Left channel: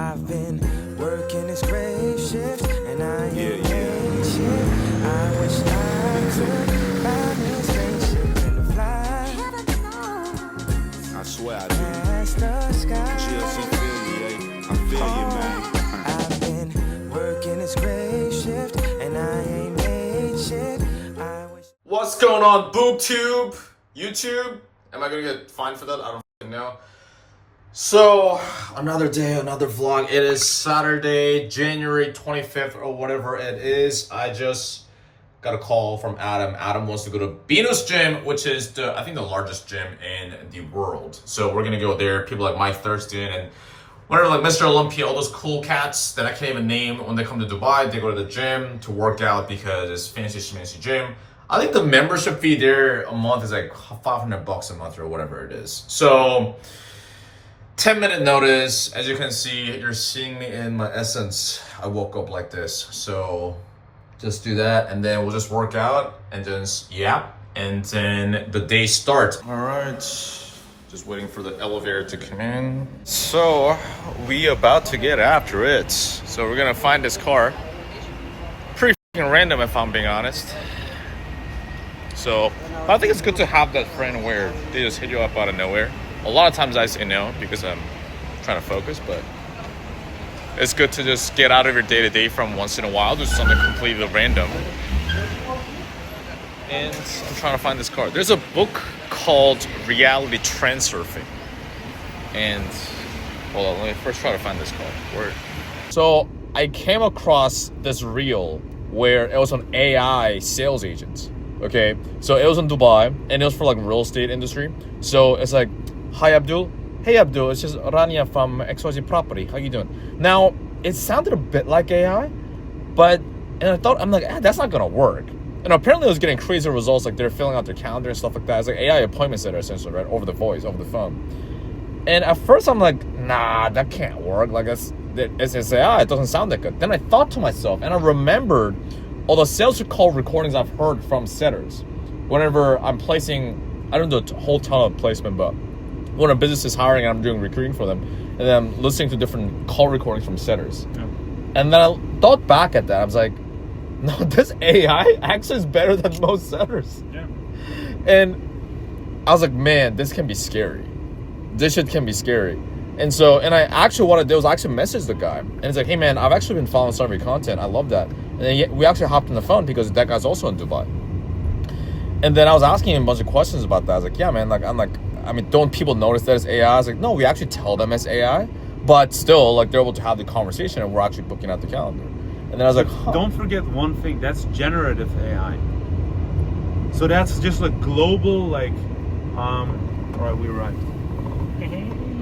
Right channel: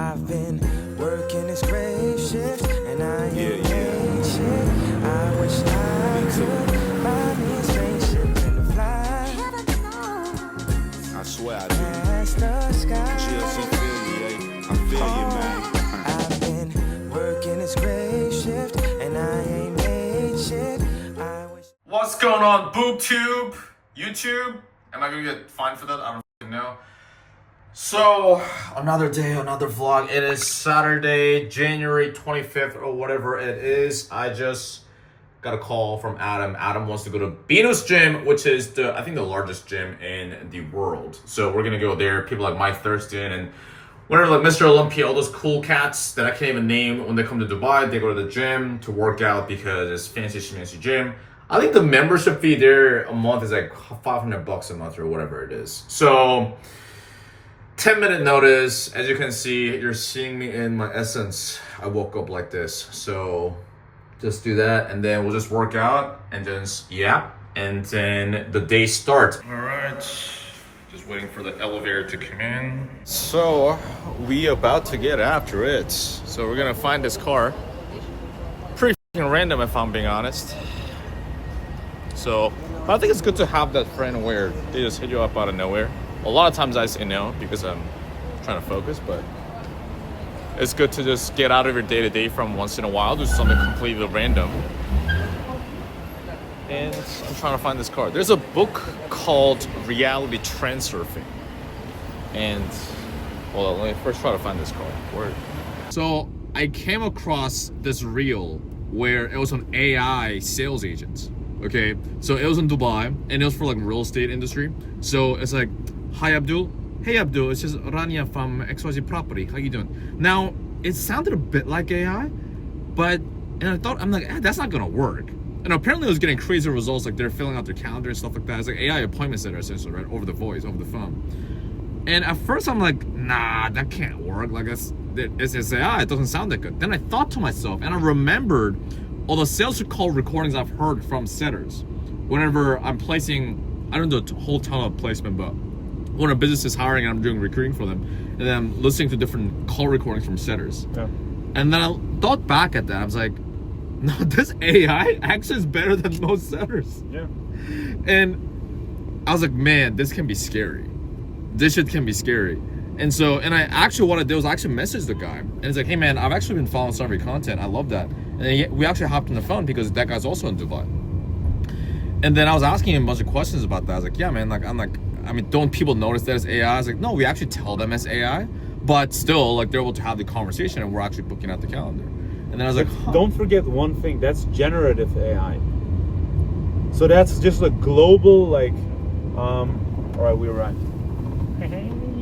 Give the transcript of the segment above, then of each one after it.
I've been working this grave shift, and I ain't paid shit. I wish I could buy me a spaceship and fly. I swear I do. Past the sky. GLC feel you, yeah. I feel you, man. I've been working this grave shift, and I ain't made shit. I wish. What's going on, BoobTube? YouTube? Am I gonna get fined for that? I don't fucking know. So, another day, another vlog. It is Saturday, January 25th or whatever it is. I just got a call from Adam. Adam wants to go to Venus Gym, which is I think the largest gym in the world. So we're gonna go there. People like Mike Thurston and whatever, like Mr. Olympia, all those cool cats that I can't even name. When they come to Dubai, they go to the gym to work out because it's fancy gym. I think the membership fee there a month is like $500 a month or whatever it is. So 10-minute notice. As you can see, you're seeing me in my essence. I woke up like this. So just do that and then we'll just work out and just, and then the day starts. All right, just waiting for the elevator to come in. So we about to get after it. So we're gonna find this car. Pretty random if I'm being honest. So I think it's good to have that friend where they just hit you up out of nowhere. A lot of times I say no because I'm trying to focus, but it's good to just get out of your day-to-day from once in a while, do something completely random. And I'm trying to find this car. There's a book called Reality Transurfing. And hold on, let me first try to find this car. Word. So I came across this reel where it was an AI sales agent. Okay, so it was in Dubai and it was for like real estate industry. So it's like, hi Abdul. Hey Abdul, it's just Rania from XYZ Property. How you doing? Now, it sounded a bit like AI, but, and I thought, I'm like, that's not gonna work. And apparently it was getting crazy results, like they're filling out their calendar and stuff like that. It's like AI appointment center essentially, right? Over the voice, over the phone. And at first I'm like, nah, that can't work. Like it's AI, it doesn't sound that good. Then I thought to myself, and I remembered all the sales call recordings I've heard from setters. Whenever I'm placing, I don't do a whole ton of placement, but when a business is hiring and I'm doing recruiting for them, and then I'm listening to different call recordings from setters. Yeah. And then I thought back at that, I was like, no, this AI actually is better than most setters. Yeah. And I was like, man, this can be scary. This shit can be scary. And so, and I actually, what I did was I actually messaged the guy. And it's like, hey man, I've actually been following some of your content. I love that. And then we actually hopped on the phone because that guy's also in Dubai. And then I was asking him a bunch of questions about that. I was like, yeah man, like, I'm like, I mean, don't people notice that it's AI? I was like, no, we actually tell them it's AI. But still, like, they're able to have the conversation and we're actually booking out the calendar. And then I was like, huh. Don't forget one thing, that's generative AI. So that's just a global, like, all right, we arrived.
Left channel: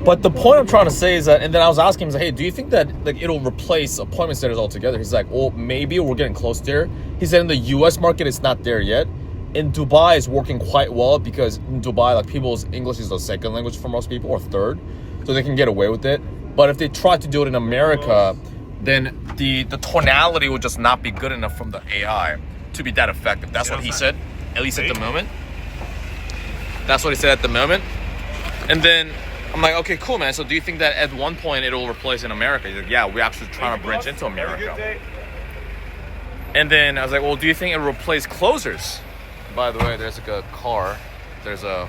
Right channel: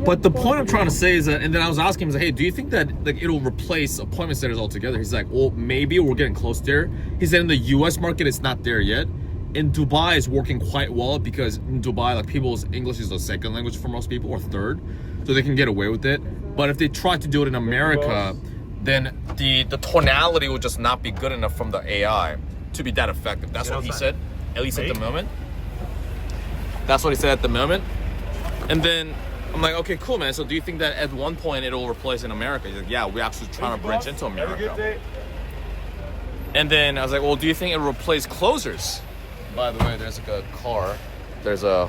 But the point I'm trying to say is that, and then I was asking him, hey, do you think that like it'll replace appointment centers altogether? He's like, well, maybe we're getting close there. He said in the US market, it's not there yet. In Dubai, it's working quite well because in Dubai, like people's English is the second language for most people or third. So they can get away with it. But if they try to do it in America, then the tonality would just not be good enough from the AI to be that effective. That's what he said, at least at the moment. That's what he said at the moment. And then I'm like, okay, cool, man. So do you think that at one point it'll replace in America? He's like, yeah, we're actually trying to branch into America. And then I was like, well, do you think it'll replace closers? By the way, there's like a car. There's a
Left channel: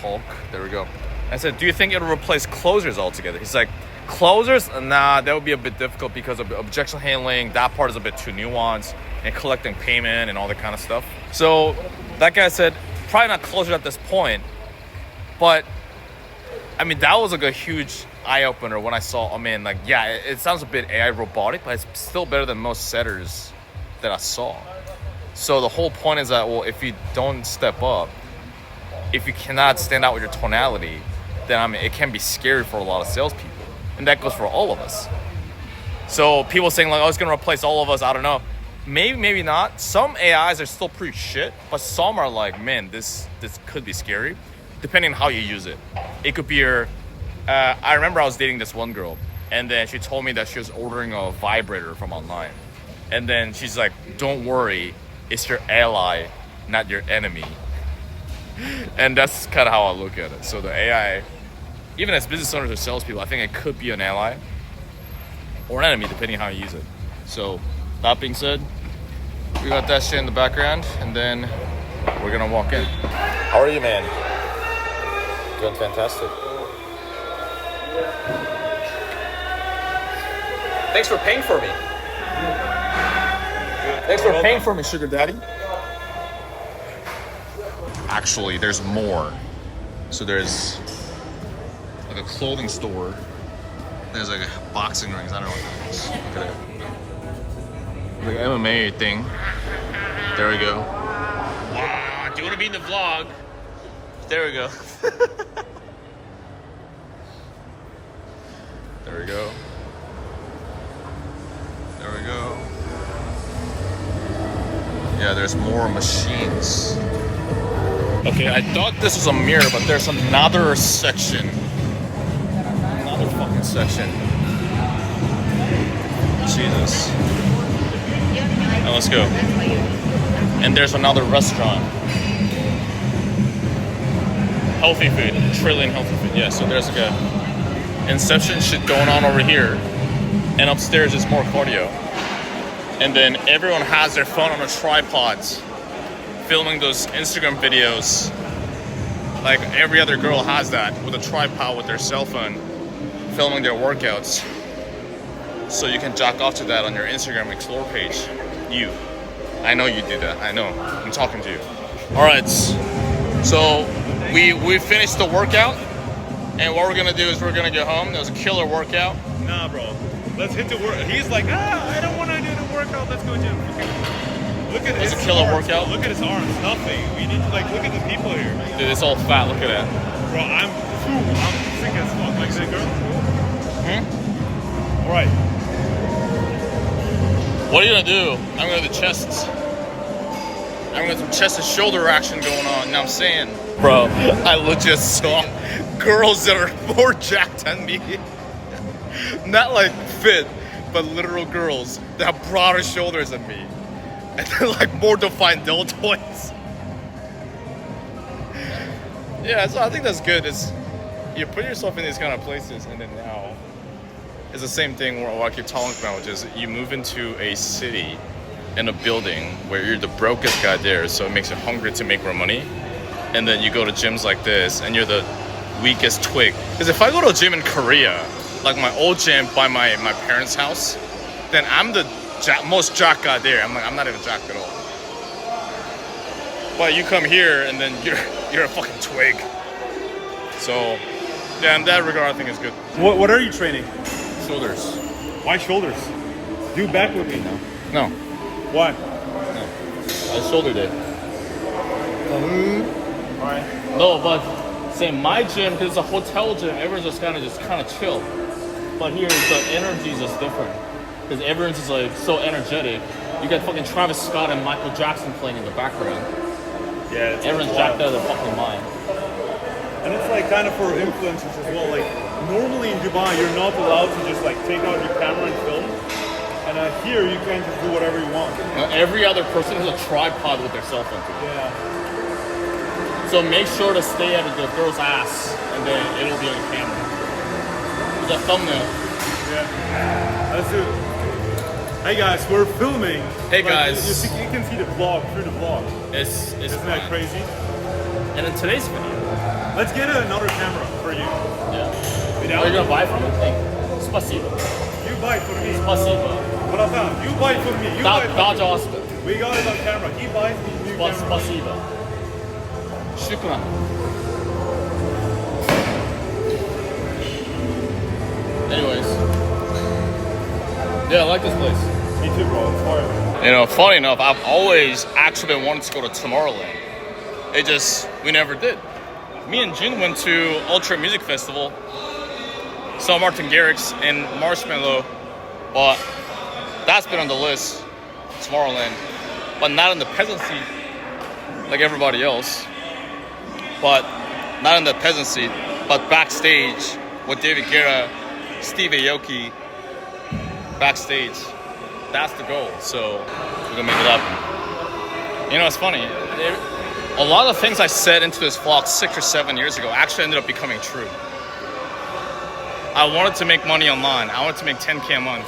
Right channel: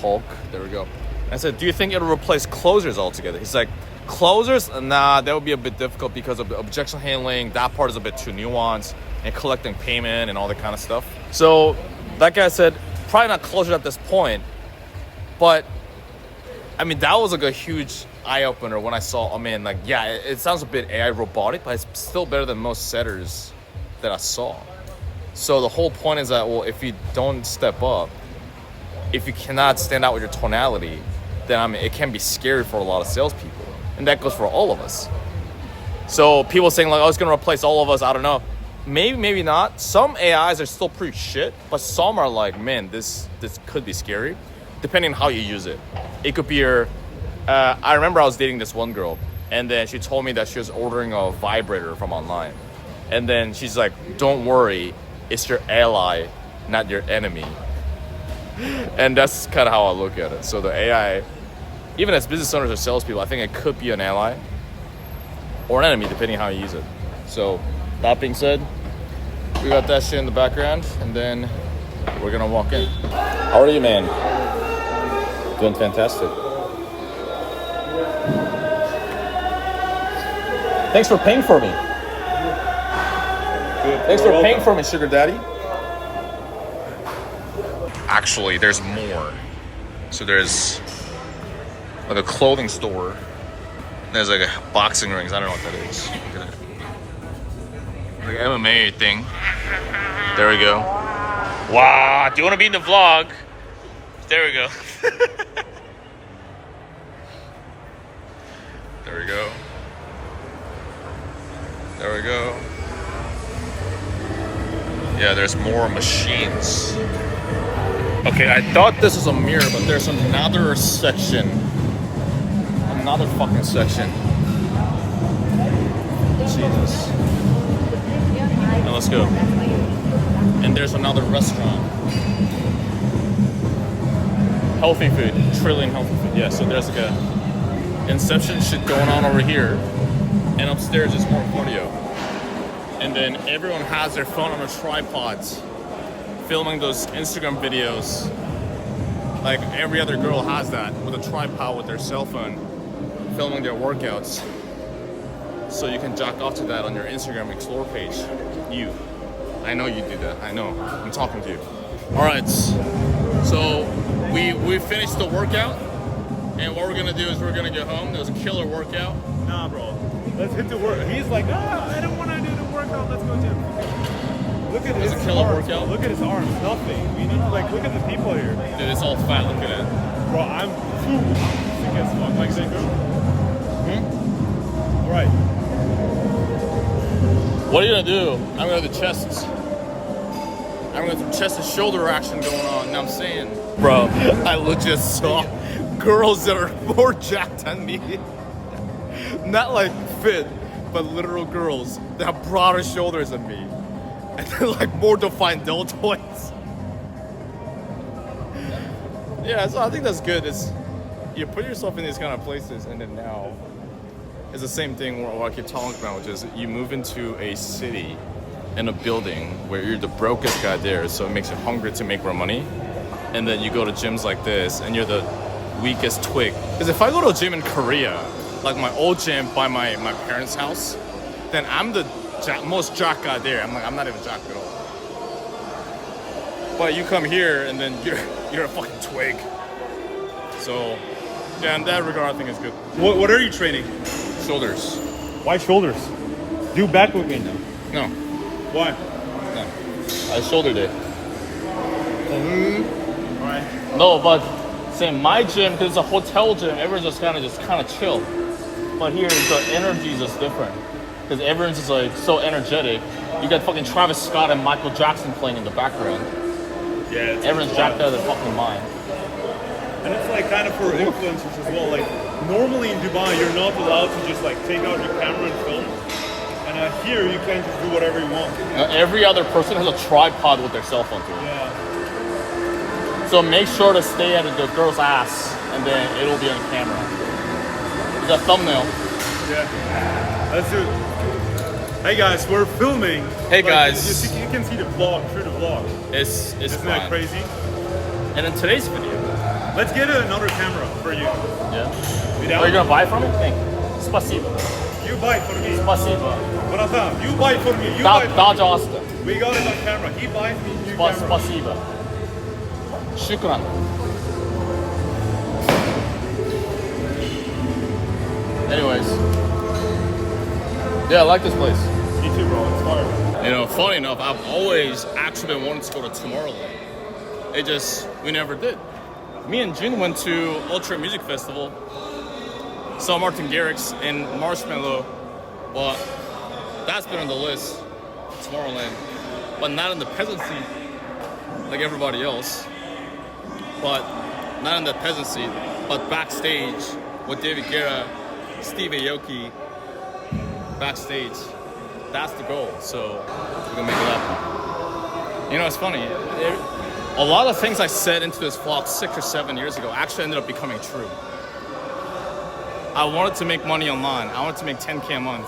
Hulk. There we go. I said, do you think it'll replace closers altogether? He's like, closers? Nah, that would be a bit difficult because of objection handling. That part is a bit too nuanced and collecting payment and all that kind of stuff. So that guy said, probably not closers at this point, but I mean, that was like a huge eye-opener when I saw, oh man, like, yeah, it sounds a bit AI robotic, but it's still better than most setters that I saw. So the whole point is that, well, if you don't step up, if you cannot stand out with your tonality, then I mean, it can be scary for a lot of salespeople. And that goes for all of us. So people saying like, oh, it's gonna replace all of us, I don't know. Maybe, maybe not. Some AIs are still pretty shit, but some are like, man, this could be scary. Depending on how you use it. It could be your, I remember I was dating this one girl and then she told me that she was ordering a vibrator from online. And then she's like, don't worry, it's your ally, not your enemy. And that's kind of how I look at it. So the AI, even as business owners or salespeople, I think it could be an ally. or an enemy, depending how you use it. So, that being said, we got that shit in the background, and then we're gonna walk in. How are you, man? Doing fantastic. Thanks for paying for me. Good. Thanks for paying for me, sugar daddy. Actually, there's more. So there's like a clothing store. There's like a boxing rings. I don't know what that is. Look at it. Like an MMA thing. There we go. Wow, do you want to be in the vlog? There we go. There we go. There we go. Yeah, there's more machines. Okay, I thought this was a mirror, but there's another section. Another fucking section. Jesus. Now let's go. And there's another restaurant. Healthy food. Trillion healthy food. Yeah, so there's like a Inception shit going on over here. And upstairs is more cardio. And then everyone has their phone on a tripods, filming those Instagram videos. Like every other girl has that, with a tripod with their cell phone, filming their workouts. So you can jack off to that on your Instagram Explore page. You. I know you do that. I know. I'm talking to you. All right. So we finished the workout. And what we're going to do is we're going to get home. There was a killer workout. Nah, bro. Let's hit the work. He's like, I don't want to do the workout. Let's go gym. Look at It's his a killer arms. workout. Look at his arms. Nothing. We need to look at the people here. Dude, it's all fat. Look at that. Bro, I'm sick as fuck. Like that girl. Right. What are you going to do? I'm going to do chests. I'm going to do chest and shoulder action going on. You know what I'm saying? Bro, I legit saw girls that are more jacked than me. Not like fit, but literal girls that have broader shoulders than me. And they're like more defined deltoids. Yeah, so I think that's good. It's, you put yourself in these kind of places, and then now it's the same thing what I keep talking about, which is you move into a city and a building where you're the brokest guy there, so it makes you hungry to make more money. And then you go to gyms like this, and you're the weakest twig. Because if I go to a gym in Korea, like my old gym by my parents' house, then I'm the most jacked guy there. I'm not even jacked at all. But you come here and then you're a fucking twig. So yeah, in that regard, I think it's good. What are you training? Shoulders. Why shoulders? Do back with me now. No. Why? No. It's shoulder day. Alright. No, but say my gym, because it's a hotel gym, everyone's just kind of chill. But here, the energy is just different. Because everyone's just like so energetic. You got fucking Travis Scott and Michael Jackson playing in the background. Yeah. Everyone's jacked out of their fucking mind. And it's like kind of for influencers as well. Like normally in Dubai, you're not allowed to just like take out your camera and film. And here, you can just do whatever you want. Now, every other person has a tripod with their cell phone too. Yeah. So make sure to stay at the girl's ass, and then it'll be on camera. The thumbnail. Yeah. Let's do it. Hey guys, we're filming. Hey guys. You can see the vlog through the vlog. Isn't Isn't that crazy? And in today's video, Let's get another camera for you. yeah. You Are you down? gonna buy from it? Hey, спасибо. You buy for me. Спасибо. Brathan, you buy for me. You buy for me. Пожалуйста. We got it on camera. He buys me new camera. Спасибо. Шукран. Anyways. Yeah, I like this place. Me too, bro. It's far. You know, funny enough, I've always actually been wanting to go to Tomorrowland. We never did. Me and Jun went to Ultra Music Festival, saw Martin Garrix and Marshmello, but that's been on the list, Tomorrowland, but not in the peasant seat like everybody else, but not in the peasant seat, but backstage with David Guetta, Steve Aoki, backstage. That's the goal, so we're gonna make it happen. You know, it's funny. A lot of things I said into this vlog 6 or 7 years ago actually ended up becoming true. I wanted to make money online. I wanted to make 10K a month.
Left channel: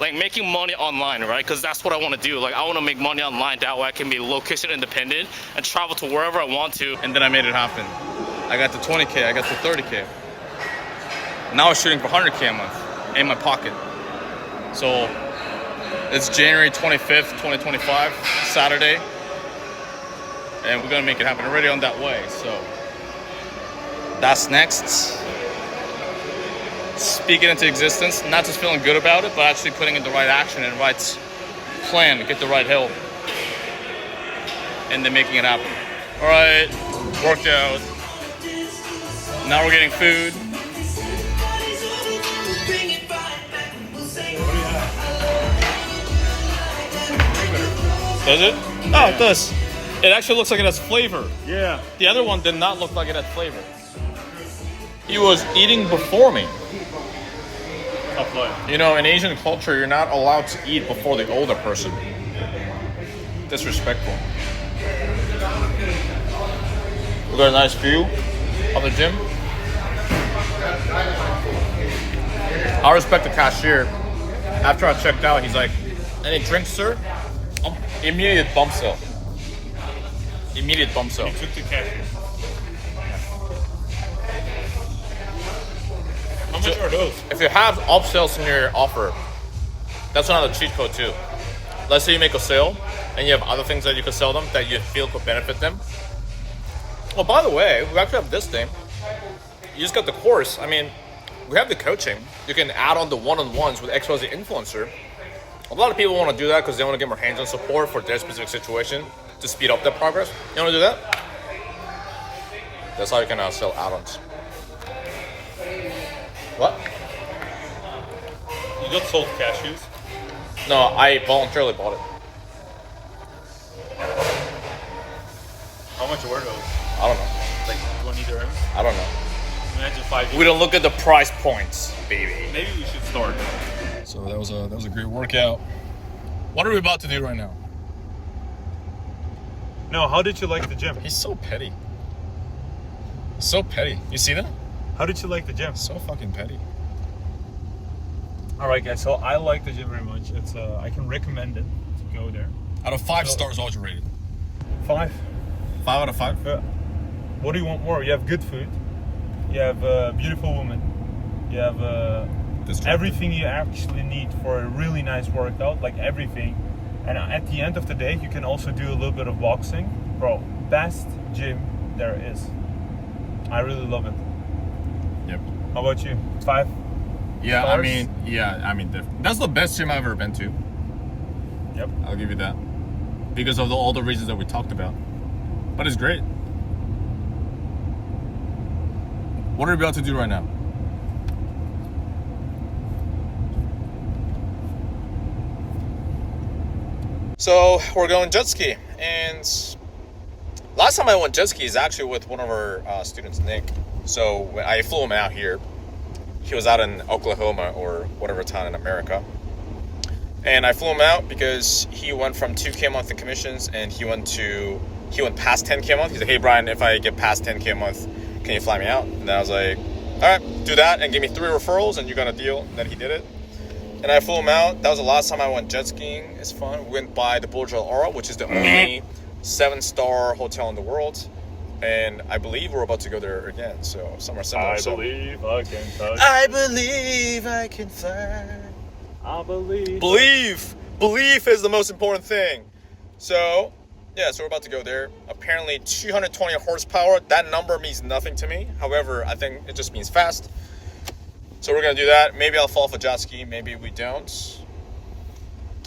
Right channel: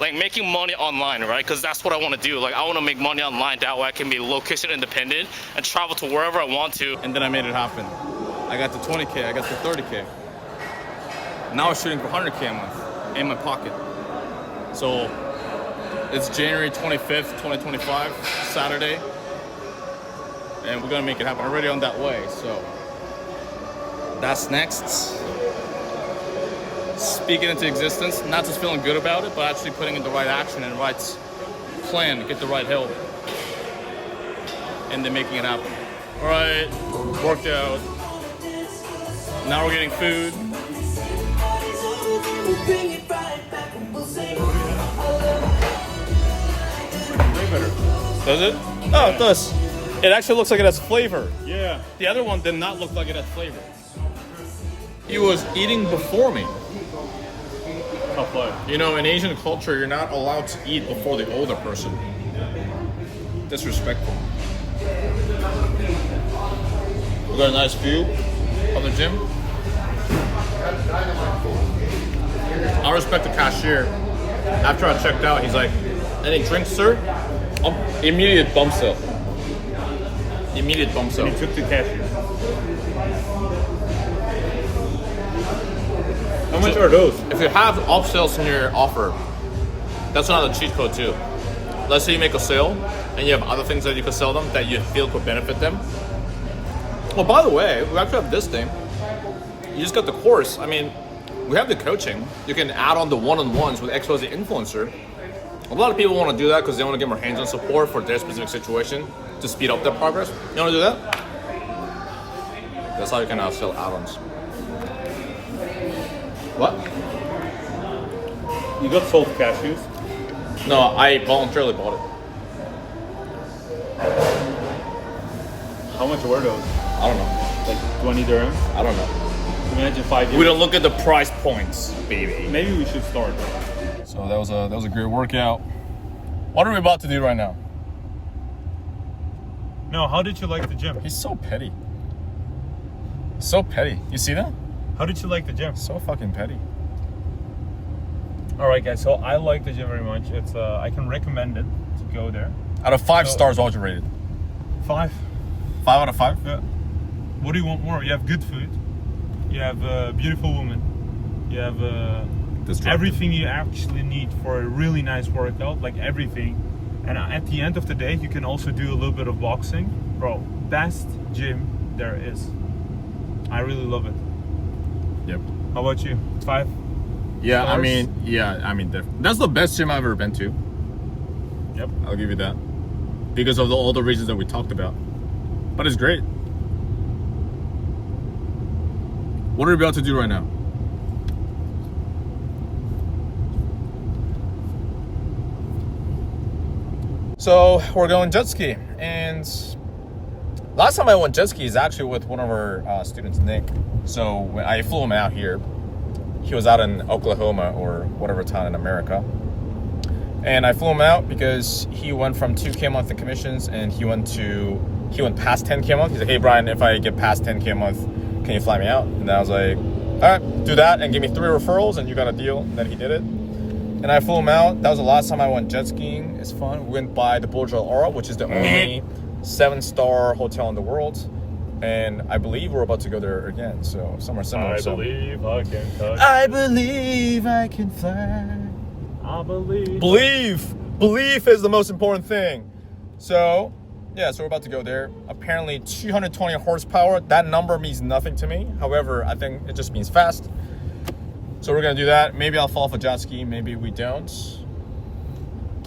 like making money online, right? Because that's what I want to do. Like I want to make money online. That way I can be location independent and travel to wherever I want to. And then I made it happen. I got the 20K, I got the 30K. Now I'm shooting for 100K a month in my pocket. So it's January 25th, 2025, Saturday. And we're gonna make it happen. Already on that way, so that's next. Speaking into existence, not just feeling good about it, but actually putting in the right action and right plan, get the right help, and then making it happen. All right, worked out. Now we're getting food. Does it? Oh, it does. It actually looks like it has flavor. Yeah. The other one did not look like it had flavor. He was eating before me. Tough life. You know, in Asian culture, you're not allowed to eat before the older person. Disrespectful. We got a nice view of the gym. I respect the cashier. After I checked out, he's like, "Any drinks, sir?" Immediate bump sale. Immediate bump sale. Took the cashier. How much are those? If you have upsells in your offer, that's another cheat code too. Let's say you make a sale and you have other things that you could sell them that you feel could benefit them. Well, by the way, we actually have this thing. You just got the course. I mean, we have the coaching. You can add on the one-on-ones with XYZ influencer. A lot of people want to do that because they want to get more hands-on support for their specific situation to speed up their progress. You want to do that? That's how you can now sell add-ons. What? You got sold cashews? No, I voluntarily bought it. How much were those? I don't know. Like 20 dirhams? I don't know. Imagine 5 years. We don't look at the price points, baby. Maybe we should start. So that was a great workout. What are we about to do right now? No, how did you like the gym? He's so petty. So petty. You see that? How did you like the gym? So fucking petty. All right, guys. So I like the gym very much. It's I can recommend it to go there. Out of 5 stars, what would you rate it? 5. 5 out of 5? Yeah. What do you want more? You have good food. You have a beautiful woman. You have everything you actually need for a really nice workout, like everything. And at the end of the day, you can also do a little bit of boxing. Bro, best gym there is. I really love it. Yep. How about you? 5? Yeah, Stars? That's the best gym I've ever been to. Yep. I'll give you that. Because of all the reasons that we talked about. But it's great. What are we about to do right now? So we're going jet ski, and last time I went jet ski is actually with one of our students, Nick. So when I flew him out here, he was out in Oklahoma or whatever town in America, and I flew him out because he went from 2K a month in commissions, and he went past 10K a month. He's like, "Hey Brian, if I get past 10K a month, can you fly me out?" And then I was like, "All right, do that and give me 3 referrals, and you got a deal." And then he did it. And I flew him out. That was the last time I went jet skiing. It's fun. We went by the Burj Al Arab, which is the only 7-star hotel in the world. And I believe we're about to go there again. So somewhere similar. I believe I can fly. I believe I can fly. I believe. Belief is the most important thing. So yeah, so we're about to go there. Apparently 220 horsepower. That number means nothing to me. However, I think it just means fast. So we're gonna do that. Maybe I'll fall off a jet ski, maybe we don't.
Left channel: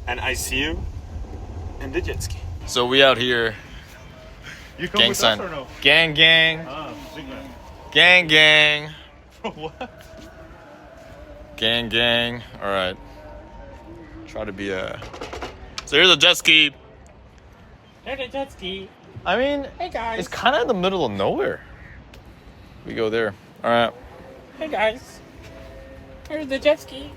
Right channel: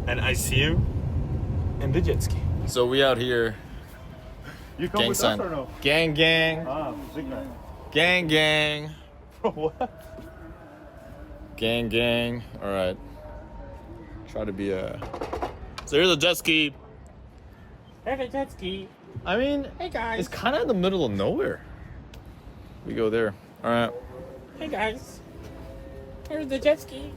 And I see you in the jet ski. So we out here. You come Gang with sign. us or no? Gang. Big guy. Gang. What? Gang. All right. Try to be a. So here's a jet ski. Here's a jet ski. I mean, Hey guys. it's kind of in the middle of nowhere. We go there. All right. Hey guys. Here's the jet ski.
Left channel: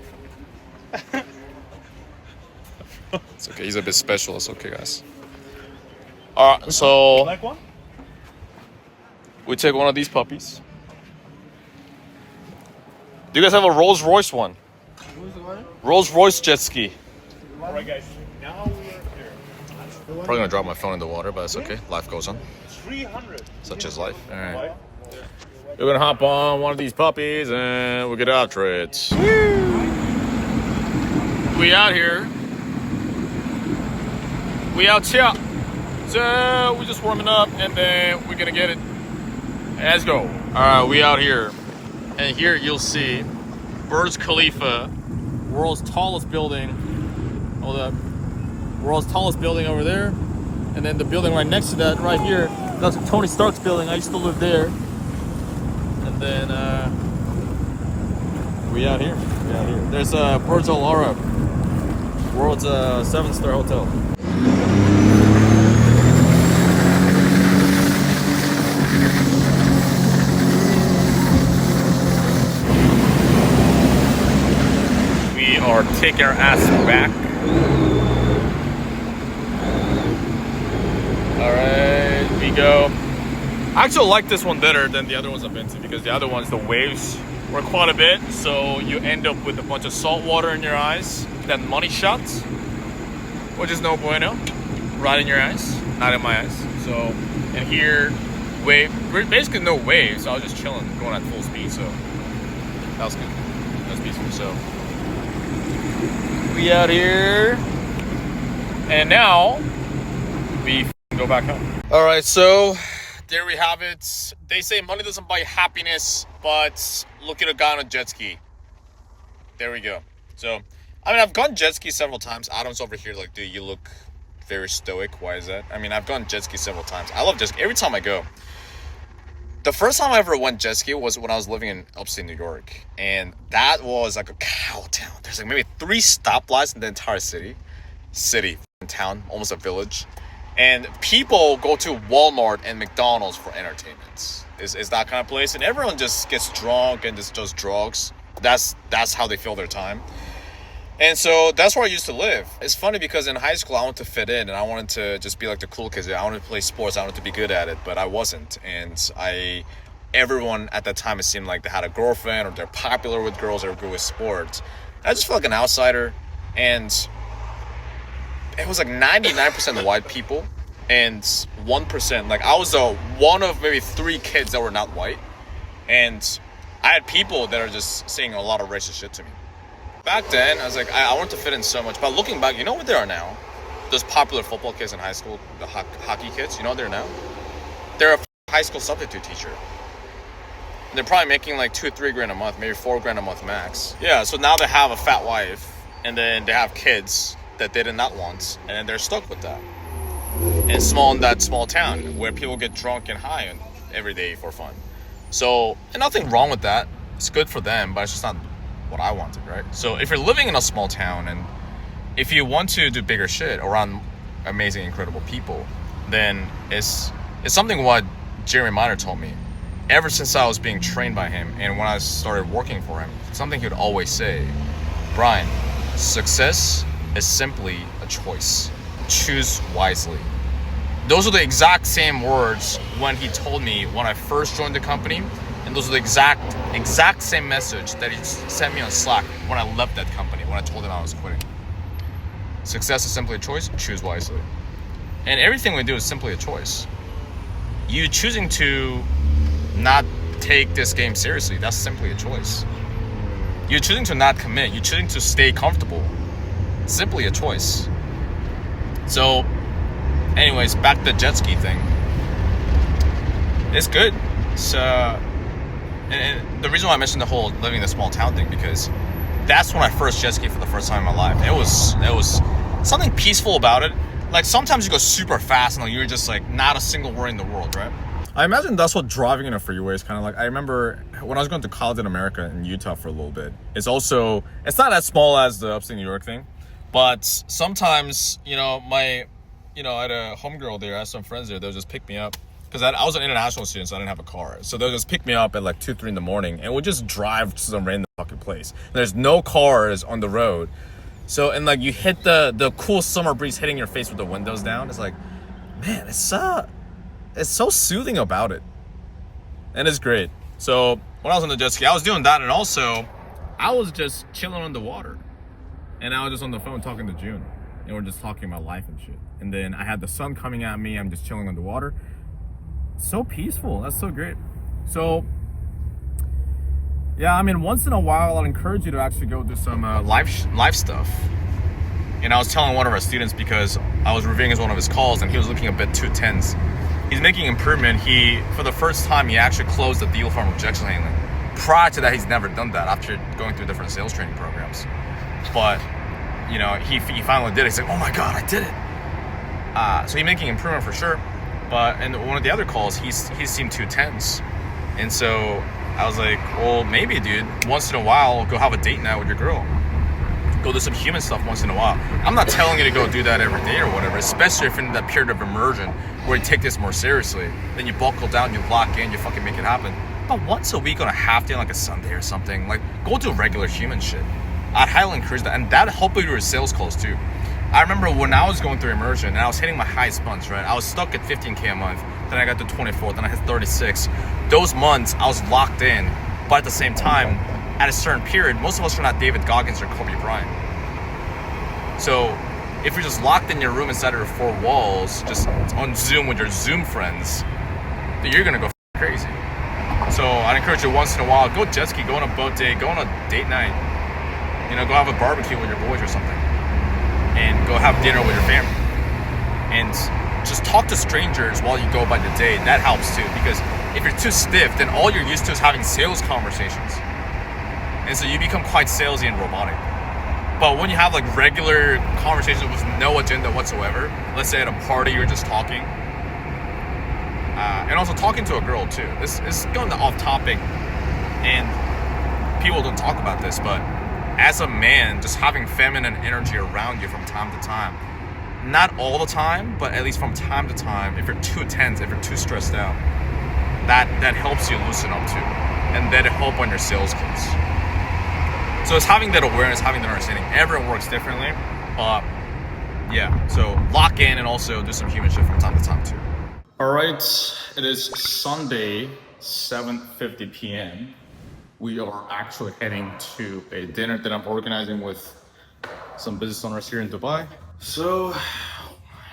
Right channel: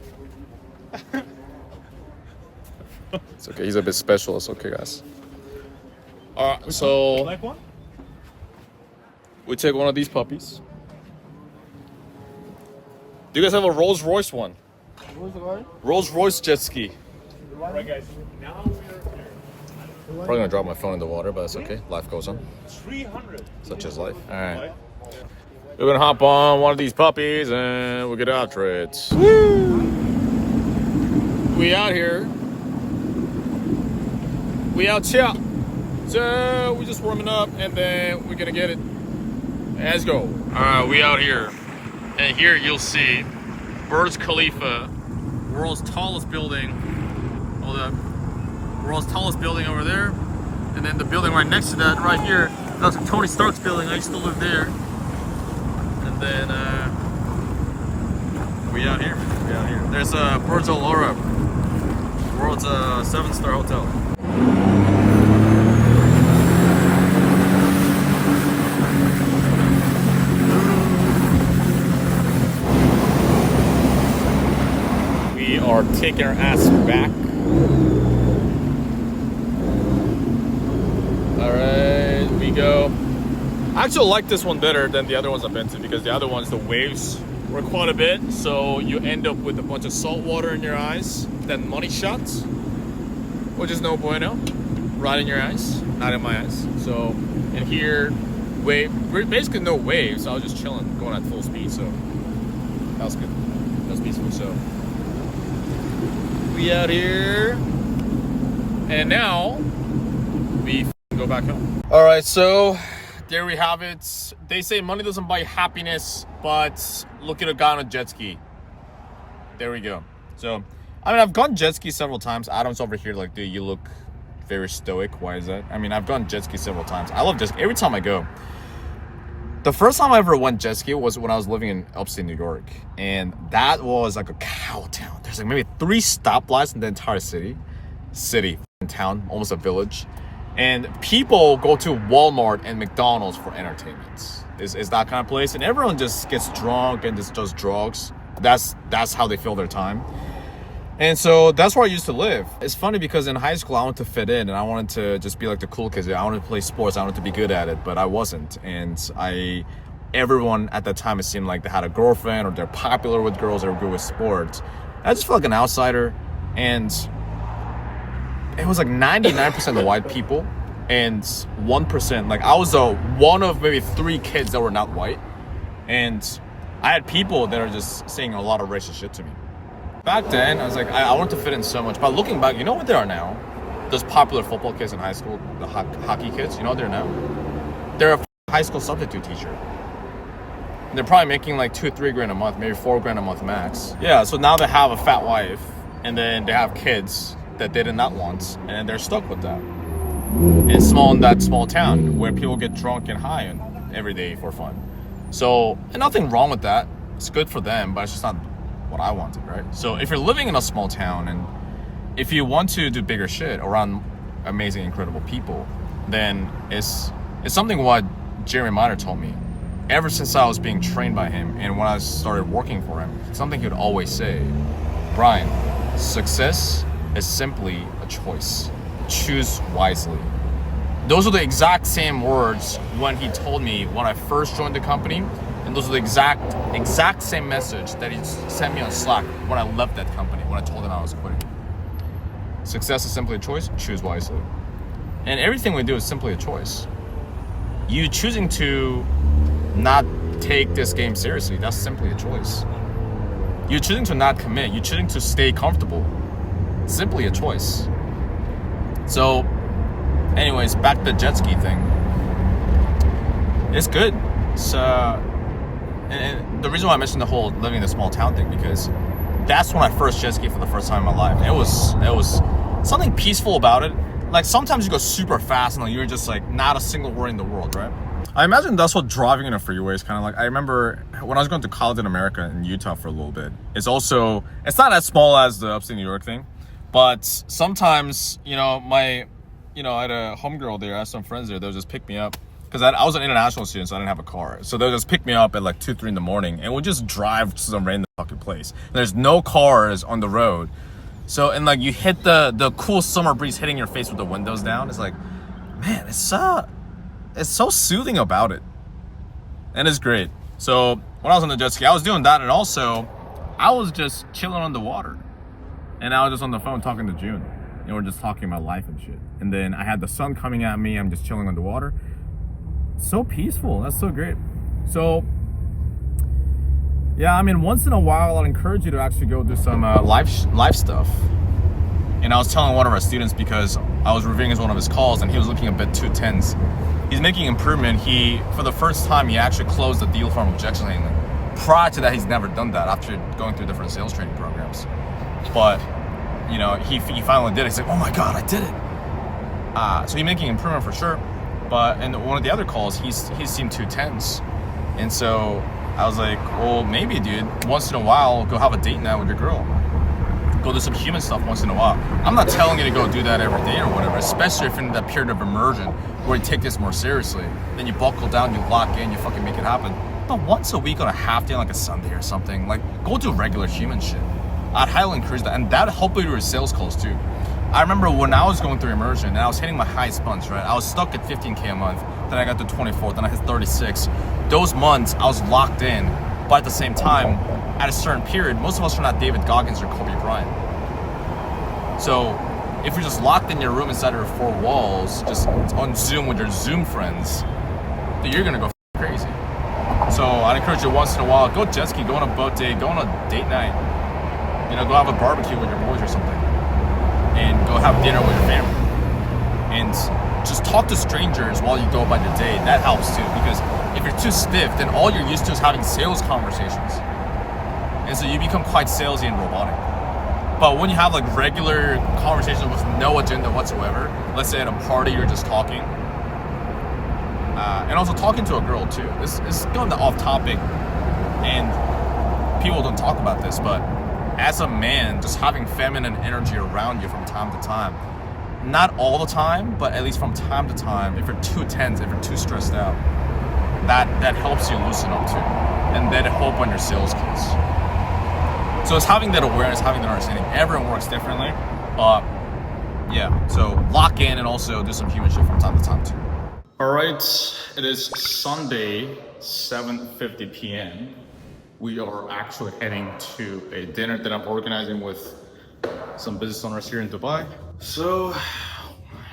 It's okay. He's a bit special. It's okay, guys. All right. So Like one? we take one of these puppies. Do you guys have a Rolls Royce one? Rolls Royce jet ski. Alright guys, now we are here. Probably gonna drop my phone in the water, but that's okay. Life goes on. 300. Such is life. All right. We're gonna hop on one of these puppies and we'll get after it. Woo! We out here. We out here. So we're just warming up and then we're gonna get it. Let's go. All right, we out here. And here you'll see Burj Khalifa, world's tallest building. Hold up. World's tallest building over there. And then the building right next to that, right here, that's Tony Stark's building. I used to live there. And then we out here. We out here. There's Burj Al Arab, world's 7-star hotel. We are taking our ass back. All right, we go. I actually like this one better than the other ones I've been to because the other ones, the waves were quite a bit. So you end up with a bunch of salt water in your eyes, then money shots, which is no bueno. Right in your eyes, not in my eyes. So, and here, basically no waves. I was just chilling, going at full speed. So that was good. That was peaceful. So we out here, and now we go back home. All right, so there we have it. They say money doesn't buy happiness, but look at a guy on a jet ski. There we go. So, I mean, I've gone jet ski several times. Adam's over here like, dude, you look very stoic. Why is that? I mean, I've gone jet ski several times. I love jet ski. Every time I go. The first time I ever went jet ski was when I was living in upstate New York. And that was like a cow town. There's like maybe 3 stoplights in the entire city. Town, almost a village. And people go to Walmart and McDonald's for entertainment. Is that kind of place. And everyone just gets drunk and just does drugs. That's how they fill their time. And so that's where I used to live. It's funny because in high school, I wanted to fit in and I wanted to just be like the cool kids. I wanted to play sports. I wanted to be good at it, but I wasn't. And everyone at that time, it seemed like they had a girlfriend or they're popular with girls or good with sports. I just felt like an outsider. And it was like 99% white people and 1%, like I was one of maybe 3 kids that were not white. And I had people that are just saying a lot of racist shit to me. Back then, I was like, I wanted to fit in so much. But looking back, you know what they are now? Those popular football kids in high school, the hockey kids, you know what they're now? They're a high school substitute teacher. And they're probably making like $2-3 a month, maybe $4 a month max. Yeah, so now they have a fat wife and then they have kids that they did not want, and they're stuck with that. In that small town where people get drunk and high every day for fun. So, and nothing wrong with that. It's good for them, but it's just not what I wanted, right? So if you're living in a small town and if you want to do bigger shit around amazing, incredible people, then it's something what Jeremy Miner told me. Ever since I was being trained by him and when I started working for him, something he would always say, Brian, success is simply a choice. Choose wisely. Those are the exact same words when he told me when I first joined the company, and those are the exact same message that he sent me on Slack when I left that company, when I told him I was quitting. Success is simply a choice. Choose wisely. And everything we do is simply a choice. You choosing to not take this game seriously, that's simply a choice. You choosing to not commit, you choosing to stay comfortable, simply a choice. So anyways, back to the jet ski thing. It's good. So and the reason why I mentioned the whole living in a small town thing, because that's when I first jet ski for the first time in my life. It was something peaceful about it. Like sometimes you go super fast and you're just like not a single worry in the world, right? I imagine that's what driving in a freeway is kind of like. I remember when I was going to college in America in Utah for a little bit. It's not as small as the upstate New York thing, but sometimes, I had a homegirl there, I had some friends there, they'll just pick me up. Because I was an international student, so I didn't have a car. So they'll just pick me up at like 2-3 in the morning and we'll just drive to some random fucking place. There's no cars on the road. So, and like you hit the cool summer breeze hitting your face with the windows down. It's like, man, it's so soothing about it. And it's great. So when I was on the jet ski, I was doing that, and also I was just chilling on the water. And I was just on the phone talking to June. And we're just talking about life and shit. And then I had the sun coming at me. I'm just chilling on the water. So peaceful. That's so great. So, yeah, I mean, once in a while, I'd encourage you to actually go do some live stuff. And I was telling one of our students, because I was reviewing one of his calls and he was looking a bit too tense. He's making improvement. For the first time, he actually closed the deal from rejection handling. Prior to that, he's never done that after going through different sales training programs. But, you know, he finally did it. He's like, oh my God, I did it. So he's making improvement for sure. But in one of the other calls, he seemed too tense. And so I was like, well, maybe, dude, once in a while, go have a date night with your girl. Go do some human stuff once in a while. I'm not telling you to go do that every day or whatever, especially if you're in that period of immersion where you take this more seriously. Then you buckle down, you lock in, you fucking make it happen. But once a week on a half day, like a Sunday or something, like go do regular human shit. I'd highly encourage that, and that helped me with sales calls too. I remember when I was going through immersion and I was hitting my highest months, right? I was stuck at 15K a month, then I got to 24, then I hit 36. Those months I was locked in, but at the same time, at a certain period, most of us are not David Goggins or Kobe Bryant. So if you're just locked in your room inside of your four walls, just on Zoom with your Zoom friends, then you're gonna go crazy. So I'd encourage you once in a while, go jet ski, go on a boat day, go on a date night. You know, go have a barbecue with your boys or something. And go have dinner with your family. And just talk to strangers while you go about your day. That helps too, because if you're too stiff, then all you're used to is having sales conversations. And so you become quite salesy and robotic. But when you have like regular conversations with no agenda whatsoever, let's say at a party you're just talking, and also talking to a girl too. This is going off topic, and people don't talk about this, but as a man, just having feminine energy around you from time to time, not all the time, but at least from time to time, if you're too tense, if you're too stressed out, that helps you loosen up too, and that'll help on your sales calls. So it's having that awareness, having that understanding. Everyone works differently, but yeah, so lock in and also do some human shit from time to time too. All right, it is Sunday, 7:50 p.m. We are actually heading to a dinner that I'm organizing with some business owners here in Dubai. So,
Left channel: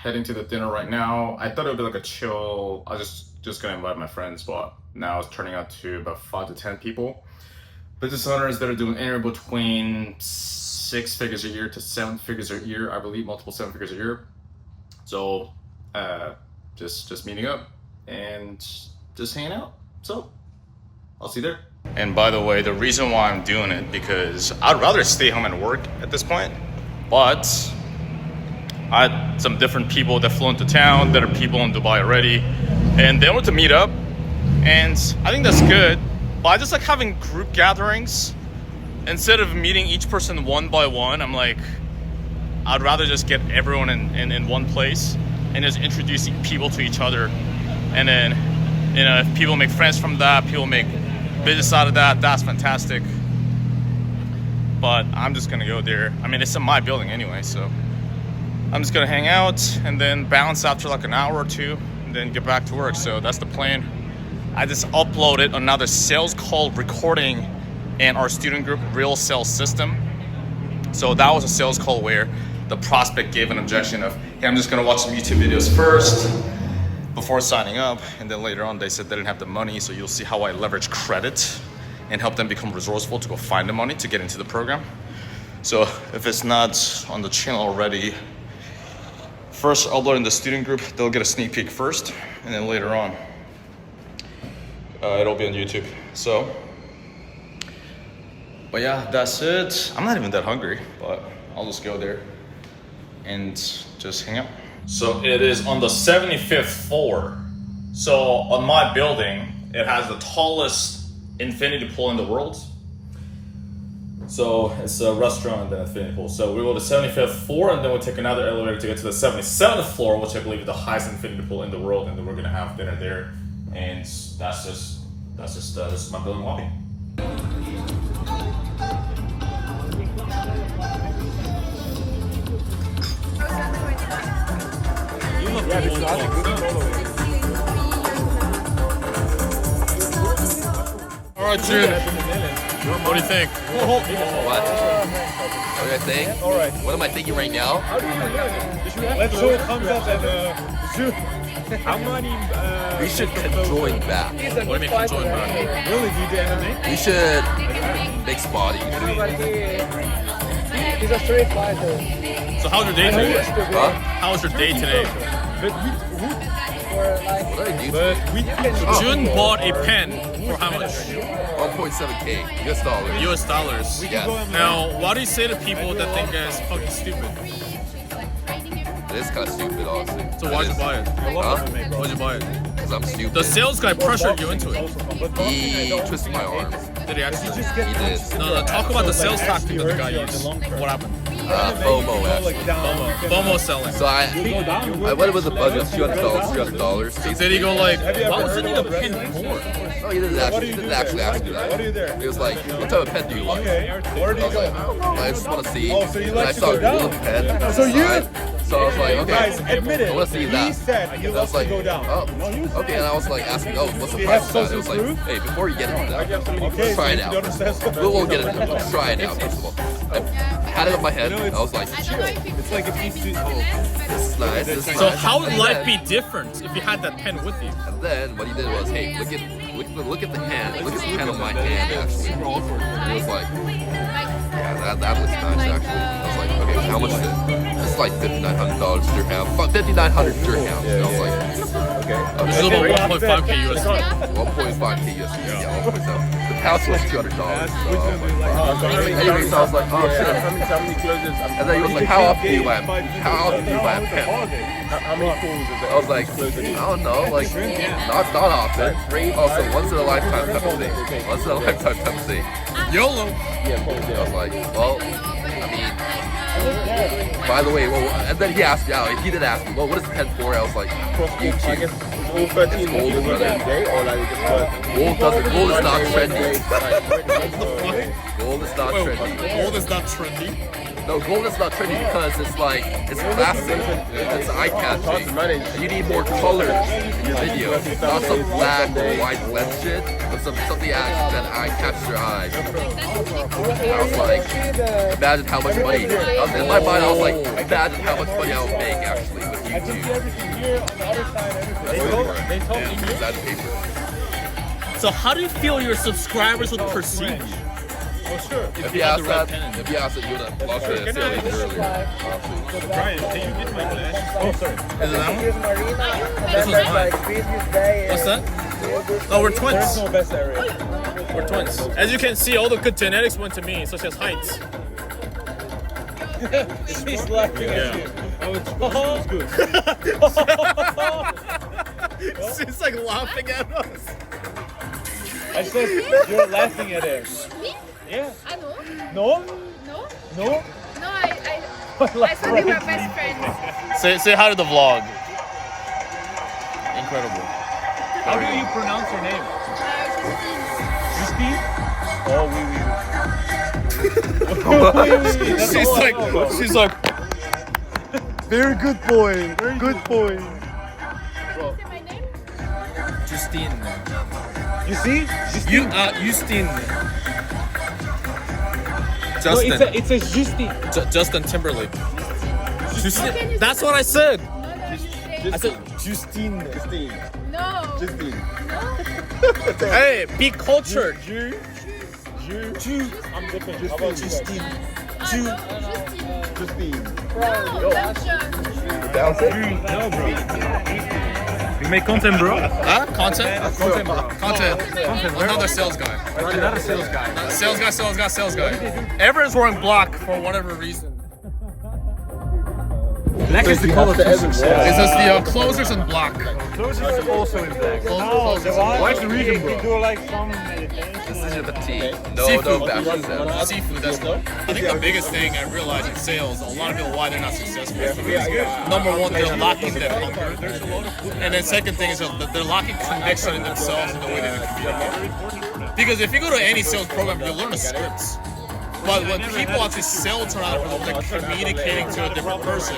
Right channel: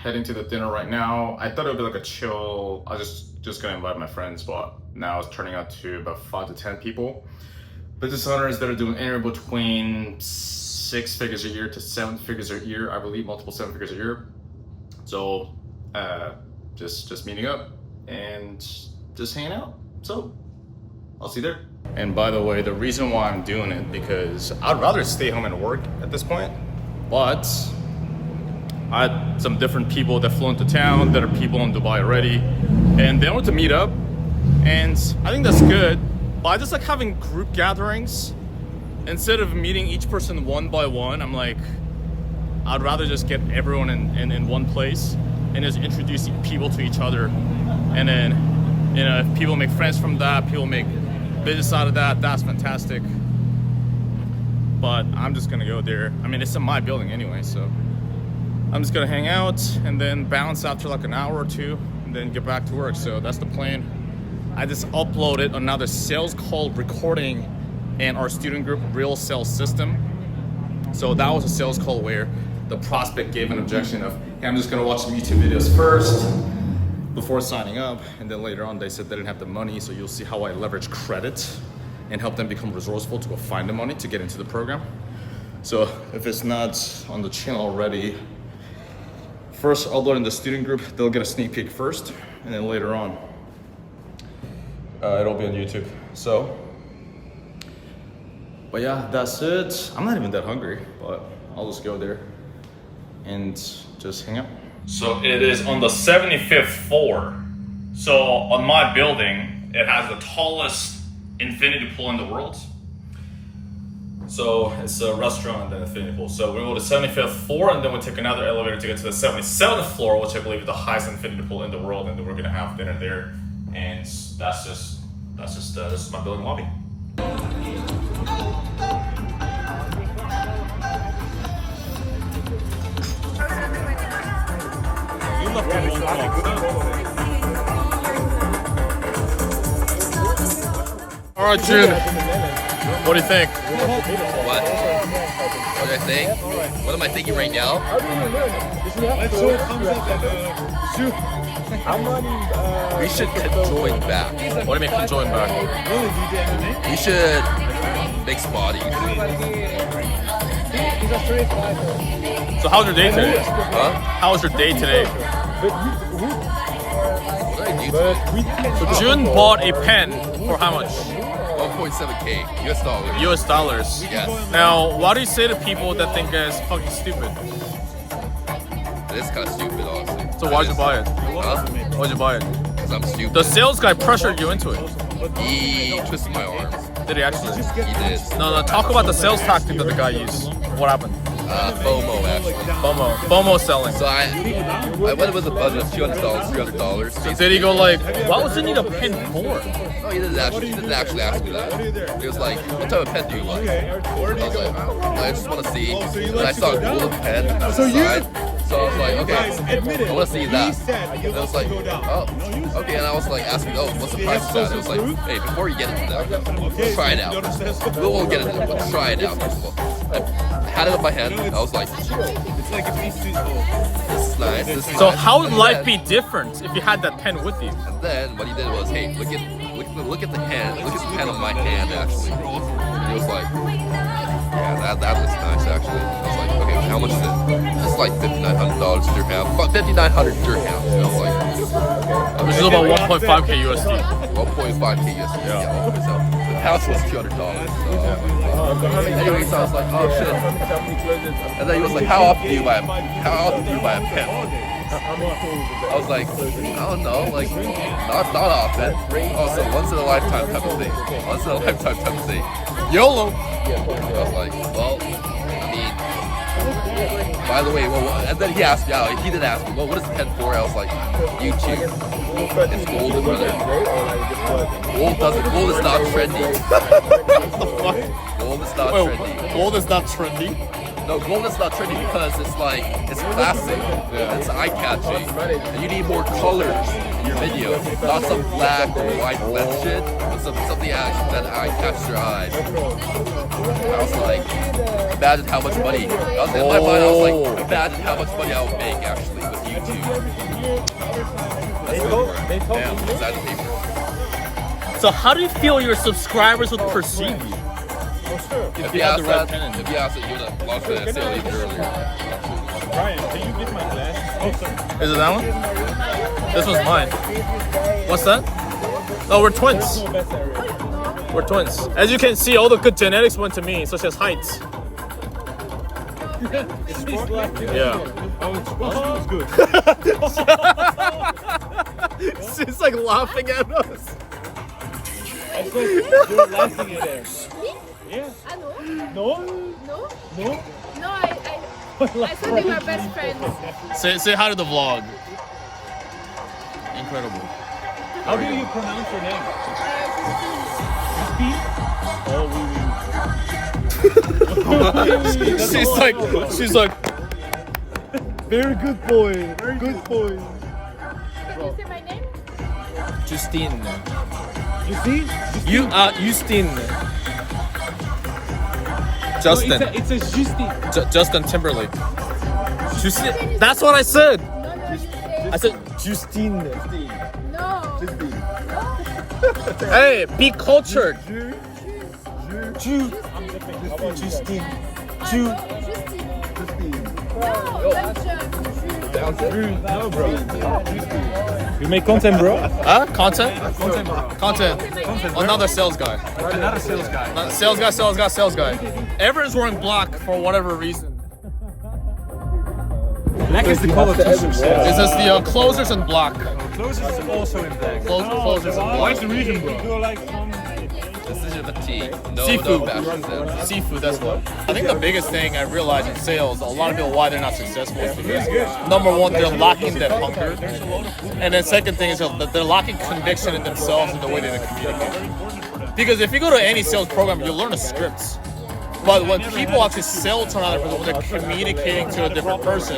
heading to the dinner right now. I thought it would be like a chill, I was just gonna invite my friends, but now it's turning out to about 5 to 10 people. Business owners that are doing anywhere between 6 figures a year to 7 figures a year, I believe, multiple 7 figures a year. So, just meeting up and just hanging out. So, I'll see you there. And by the way, the reason why I'm doing it, because I'd rather stay home and work at this point, but I had some different people that flew into town that are people in Dubai already, and they want to meet up, and I think that's good. But I just like having group gatherings. Instead of meeting each person one by one, I'm like, I'd rather just get everyone in one place and just introduce people to each other. And then, you know, if people make friends from that, people make business out of that, that's fantastic. But I'm just gonna go there. I mean, it's in my building anyway, so I'm just gonna hang out and then bounce after like an hour or two and then get back to work. So that's the plan. I just uploaded another sales call recording in our student group, Real Sales System. So that was a sales call where the prospect gave an objection of, hey, I'm just gonna watch some YouTube videos first before signing up, and then later on they said they didn't have the money, so you'll see how I leverage credit and help them become resourceful to go find the money to get into the program. So if it's not on the channel already, first upload in the student group, they'll get a sneak peek first, and then later on it'll be on YouTube. So, but yeah, that's it. I'm not even that hungry, but I'll just go there and just hang out. So it is on the 75th floor. So on my building, it has the tallest infinity pool in the world. So it's a restaurant and then infinity pool. So we go to the 75th floor and then we'll take another elevator to get to the 77th floor, which I believe is the highest infinity pool in the world, and then we're gonna have dinner there. And that's just this is my building lobby. All right, dude. What do you think? What? What do I think? What am I thinking right now? We should conjoin back. What do you mean conjoin back? We should mix body. So how's your day today? Huh? How was your day today? What did I do? So Jun bought a pen for how much? 1.7K US dollars. US dollars. Yes. Now, what do you say to people that think that it's fucking stupid? It is kind of stupid, honestly. So why'd you buy it? Huh? Why'd you buy it? Because I'm stupid. The sales guy pressured you into it. He twisted my arm. Did he actually? He did. No, talk about the sales tactic that the guy used. What happened? FOMO, actually. FOMO selling. So I went with a budget of $200, $300. Did he go like, why would you need a pen for? No, he didn't actually ask me that. He was like, what type of pen do you like? I was like, I don't know, I just want to see. And then I saw a golden pen on the side. So I was like, okay, I want to see that. And I was like, oh, okay. And I was like asking, oh, what's the price of that? It was like, hey, before you get into that, let's try it out first of all. We won't get into it, let's try it out first of all. I had it in my hand. I was like, this is nice, this is nice. So how would And life then- be different if you had that pen with you? And then what he did was, hey, look at the hand. Look at the pen on my hand, actually. And he was like, yeah, that looks nice, actually. I was like, okay, how much is it? It's like $5,900 dirham. 5,900 dirham. And I was like, Which is about 1.5k USD. 1.5k USD. Yeah, 1.7. The pouch was $200. So I was like, wow. Anyways, I was like, oh shit. And then he was like, how often do you buy a pen? I was like, I don't know, like, not often. Oh, so once in a lifetime type of thing. Once in a lifetime type of thing. YOLO. I was like, well, I mean, by the way, well, and then he asked me, he did ask me, well, what is the pen for? I was like, YouTube. It's golden, brother. Gold is not trendy. Gold is not trendy. Gold is not trendy. No, gold is not trendy because it's like, it's classic, it's eye-catching, and you need more colors in your video, not some black or white blend shit, but something that catches your eyes. I was like, imagine how much money, in my mind I was like, imagine how much money I would make actually with YouTube. That's good for it. That's the paper. So how do you feel your subscribers would perceive you? If you asked that, you would have launched the sale even earlier. Honestly. Is it that one? This one's mine. What's that? Oh, we're twins. We're twins. As you can see, all the good genetics went to me, such as height. Yeah. She's like laughing at us. I said you're laughing at him. Me? Yeah. No. No? No? No? No, I said they were best friends. Say hi to the vlog. Incredible. How do you pronounce your name? Christine? She's like, Very good boy. Good boy. Can you say my name? Justine. You see? Justine. Justin. It's a Justine. Justin Timberlake. Justine. That's what I said. No, you say. I said Justine. No. Hey, be cultured. Justine. No, bro. You make content, bro? Huh? Content? Content, bro. Content. Another sales guy. Another sales guy. Sales guy. Everyone's wearing black for whatever reason. Black is the color to success. It's just the closers in black. Closers is also in black. Closers in black. What's the reason, bro? Decision of tea. No Seafood. fashion sense. Seafood, that's cool. I think the biggest thing I realized in sales, a lot of people why they're not successful. Number one, they're lacking that hunger. And then second thing is that they're lacking conviction in themselves and the way they think. Because if you go to any sales program, you learn the scripts. But when people actually sell to another person, when they're communicating to a different person,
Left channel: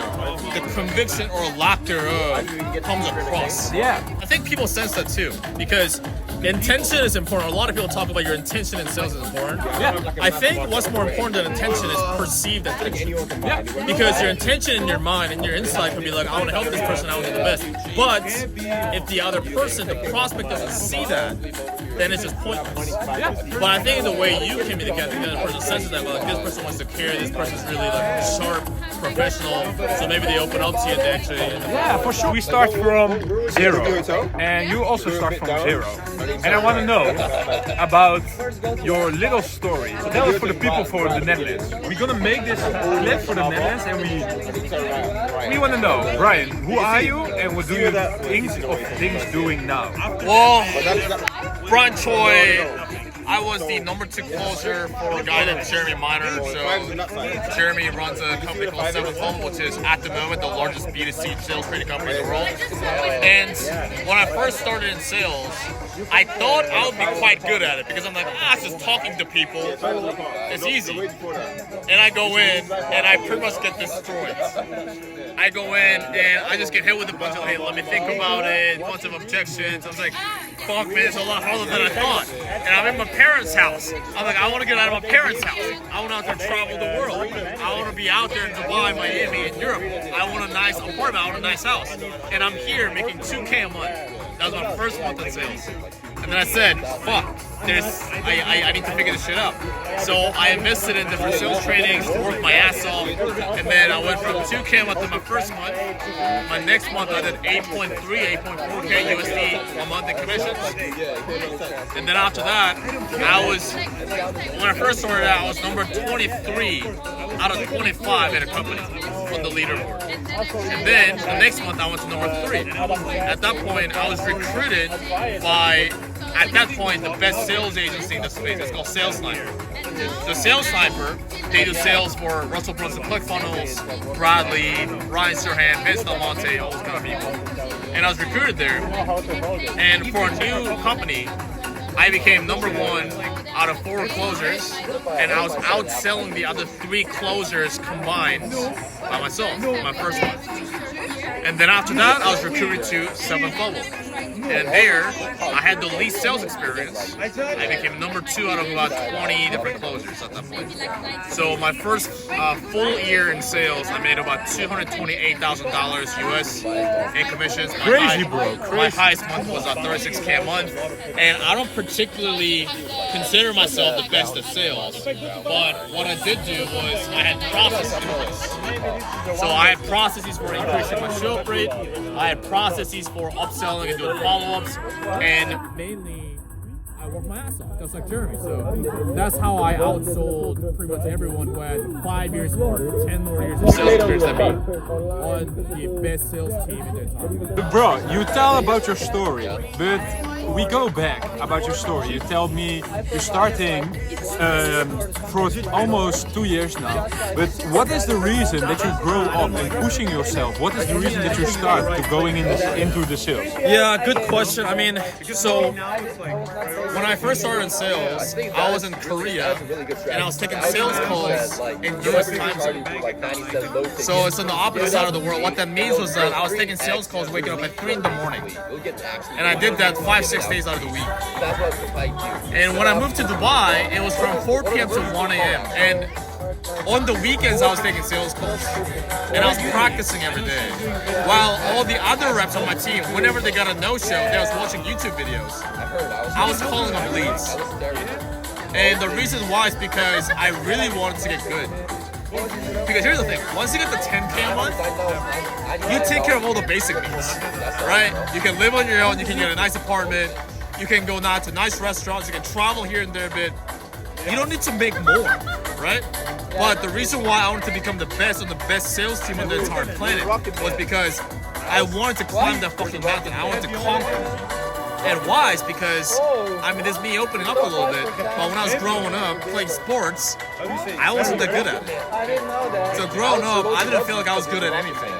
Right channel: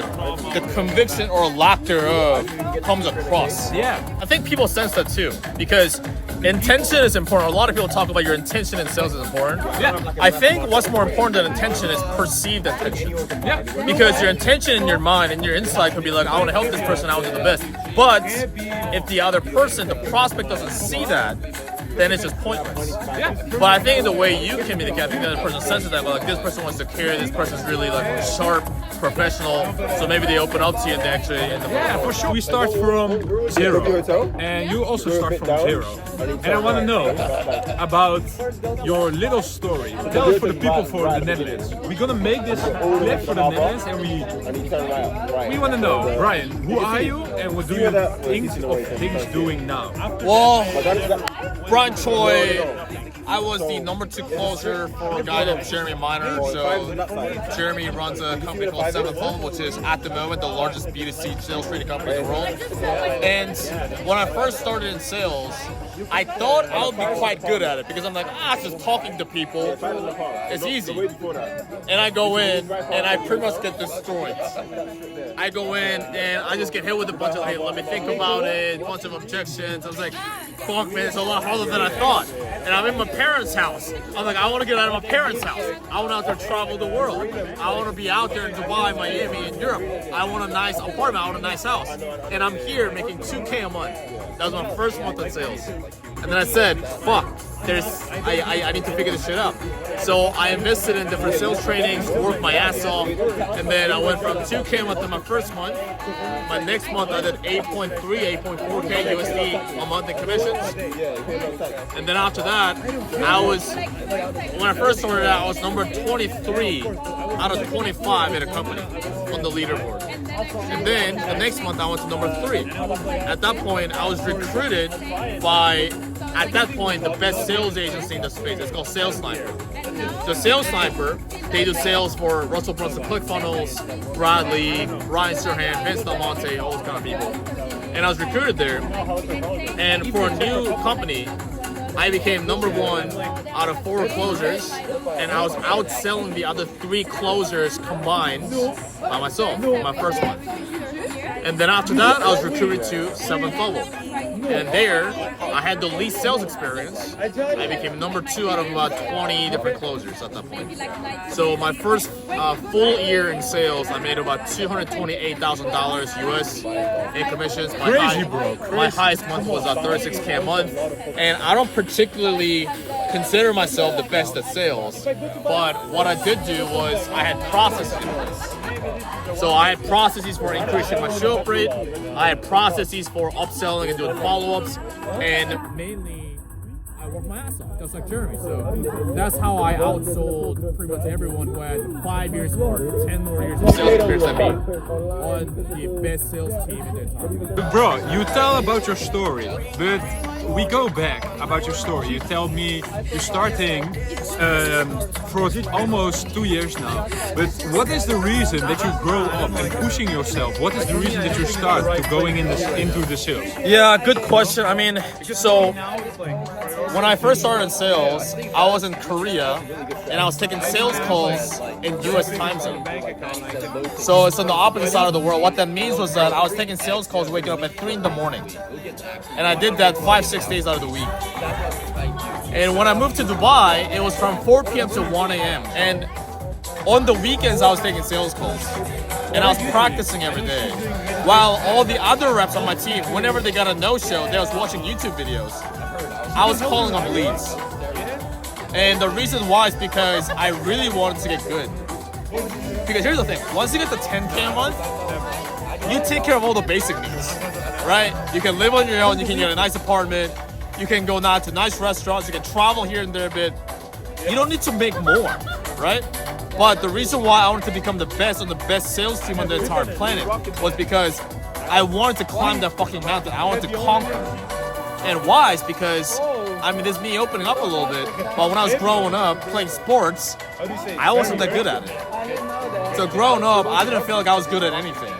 the conviction or lack thereof comes across. Yeah. I think people sense that too, because intention is important. A lot of people talk about your intention in sales is important. Yeah. I think what's more important than intention is perceived intention. Yeah. Because your intention in your mind and your insight could be like, I want to help this person, I want to do the best. But if the other person, the prospect doesn't see that, then it's just pointless. Yeah. But I think the way you communicate, I think the other person senses that, like, this person wants to care, this person's really like sharp, professional, so maybe they open up to you and they actually end up. Yeah, for sure. We start from zero, and you also start from zero. And I want to know about your little story. Tell it for the people for the Netherlands. We're gonna make this clip for the Netherlands, and we want to know, Brian, who are you, and what do you think of things doing now? Well, Brian Choi, I was the number 2 closer for a guy named Jeremy Miner. So Jeremy runs a company called Seventh Home, which is at the moment the largest B2C sales training company in the world. And when I first started in sales, I thought I would be quite good at it because I'm like, it's just talking to people. It's easy. And I go in and I pretty much get destroyed. I go in and I just get hit with a bunch of, hey, let me think about it, a bunch of objections. I was like, fuck, man, it's a lot harder than I thought. And I'm in my parents' house. I'm like, I want to get out of my parents' house. I want to out there travel the world. I want to be out there in Dubai, Miami, and Europe. I want a nice apartment. I want a nice house. And I'm here making $2K a month. That was my first month in sales. And then I said, fuck, I need to figure this shit out. So I invested in different sales trainings, worked my ass off, and then I went from 2K a month in my first month. My next month I did 8.4K USD a month in commissions. And then after that, when I first started out, I was number 23 out of 25 in a company on the leaderboard. And then the next month I went to number 3. At that point, I was recruited by, at that point, the best sales agency in the space. It's called Sales Sniper. So Sales Sniper, they do sales for Russell Brunson, ClickFunnels, Bradley, Ryan Serhant, Vince Del Monte, all those kind of people. And I was recruited there. And for a new company, I became number 1 out of 4 closers, and I was outselling the other 3 closers combined by myself in my first month. And then after that, I was recruited to 7th level. And there, I had the least sales experience. I became number 2 out of about 20 different closers at that point. So my first full year in sales, I made about $228,000 US in commissions. Crazy, bro. Crazy. My highest month was 36K a month. And I don't particularly consider myself the best at sales, but what I did do was I had processes for this. So I had processes for increasing my show-up rate. I had processes for upselling and doing follow-ups, and mainly I worked my ass off. That's like Jeremy. So that's how I outsold pretty much everyone who had 5 years or 10 years of sales experience than me on the best sales team at the time. Bro, you tell about your story, but we go back about your story. You tell me you're starting for almost 2 years now. But what is the reason that you grow up and pushing yourself? What is the reason that you start to going into the sales? Yeah, good question. I mean, so when I first started in sales, I was in Korea and I was taking sales calls in US time zone. So it's on the opposite side of the world. What that means was that I was taking sales calls waking up at 3 in the morning. And I did that 5-6 days out of the week. And when I moved to Dubai, it was from 4 p.m. to 1 a.m. And on the weekends, I was taking sales calls. And I was practicing every day. While all the other reps on my team, whenever they got a no-show, they was watching YouTube videos. I was calling them leads. And the reason why is because I really wanted to get good. Because here's the thing, once you get the 10K a month, you take care of all the basic needs, right? You can live on your own, you can get a nice apartment, you can go now to nice restaurants, you can travel here and there a bit. You don't need to make more, right? But the reason why I wanted to become the best on the best sales team on the entire planet was because I wanted to climb that fucking mountain. I wanted to conquer it. And why is because, I mean, this is me opening up a little bit, but when I was growing up playing sports, I wasn't that good at it. So growing up, I didn't feel like I was good at anything.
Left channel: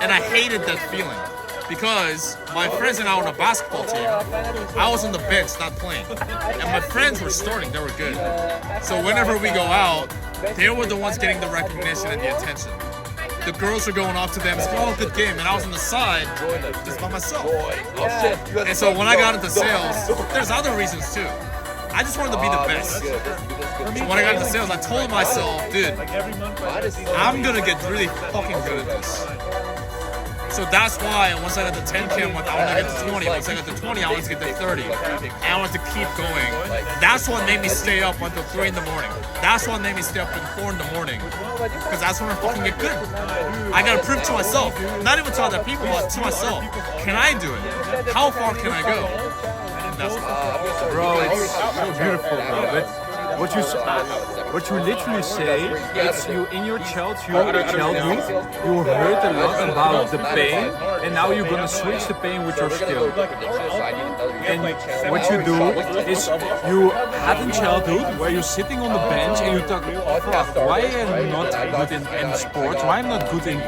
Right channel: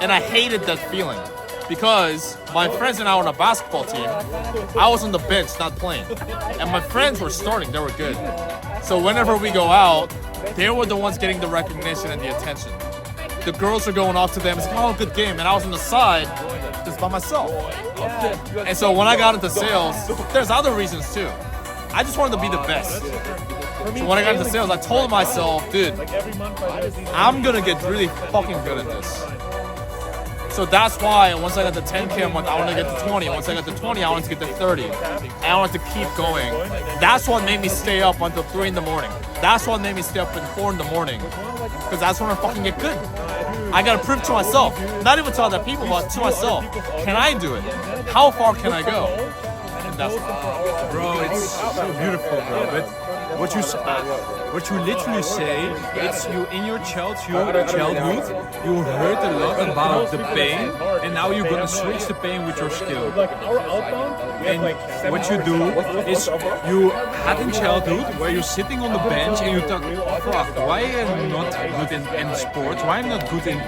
And I hated that feeling because my friends and I were on a basketball team. I was on the bench, not playing. And my friends were starting, they were good. So whenever we go out, they were the ones getting the recognition and the attention. The girls are going off to them, it's oh, good game, and I was on the side, just by myself. And so when I got into sales, there's other reasons too. I just wanted to be the best. So when I got into sales, I told myself, dude, I'm gonna get really fucking good at this. So that's why once I got to 10K a month, I want to get to 20. Once I got to 20, I want to get to 30. And I want to keep going. That's what made me stay up until 3 in the morning. That's what made me stay up at 4 in the morning. Because that's when I fucking get good. I gotta prove to myself, not even to other people, but to myself. Can I do it? How far can I go? That's it. Bro, it's so beautiful, bro. But what you literally say, it's you in your childhood, you heard a lot about the pain, and now you're gonna switch the pain with your skill. And what you do is you had in childhood where you're sitting on the bench and you talk, fuck, why am I not good in sports? Why am I not good in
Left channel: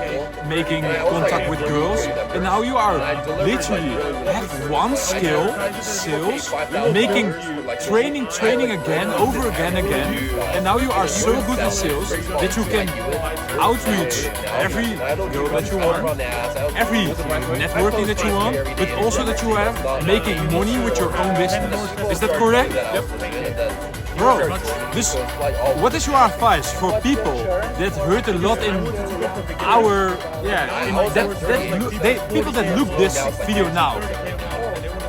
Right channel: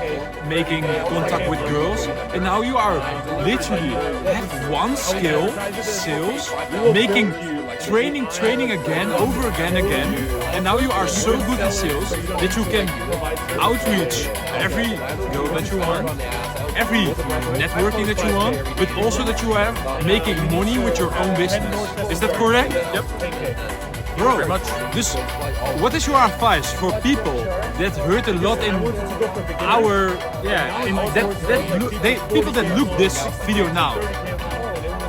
making contact with girls? And now you are literally have one skill, sales, making training again, over again, and now you are so good in sales that you can outreach every girl that you want, every networking that you want, but also that you have making money with your own business. Is that correct? Yep. Bro, this, what is your advice for people that hurt a lot in our, in people that look this video now?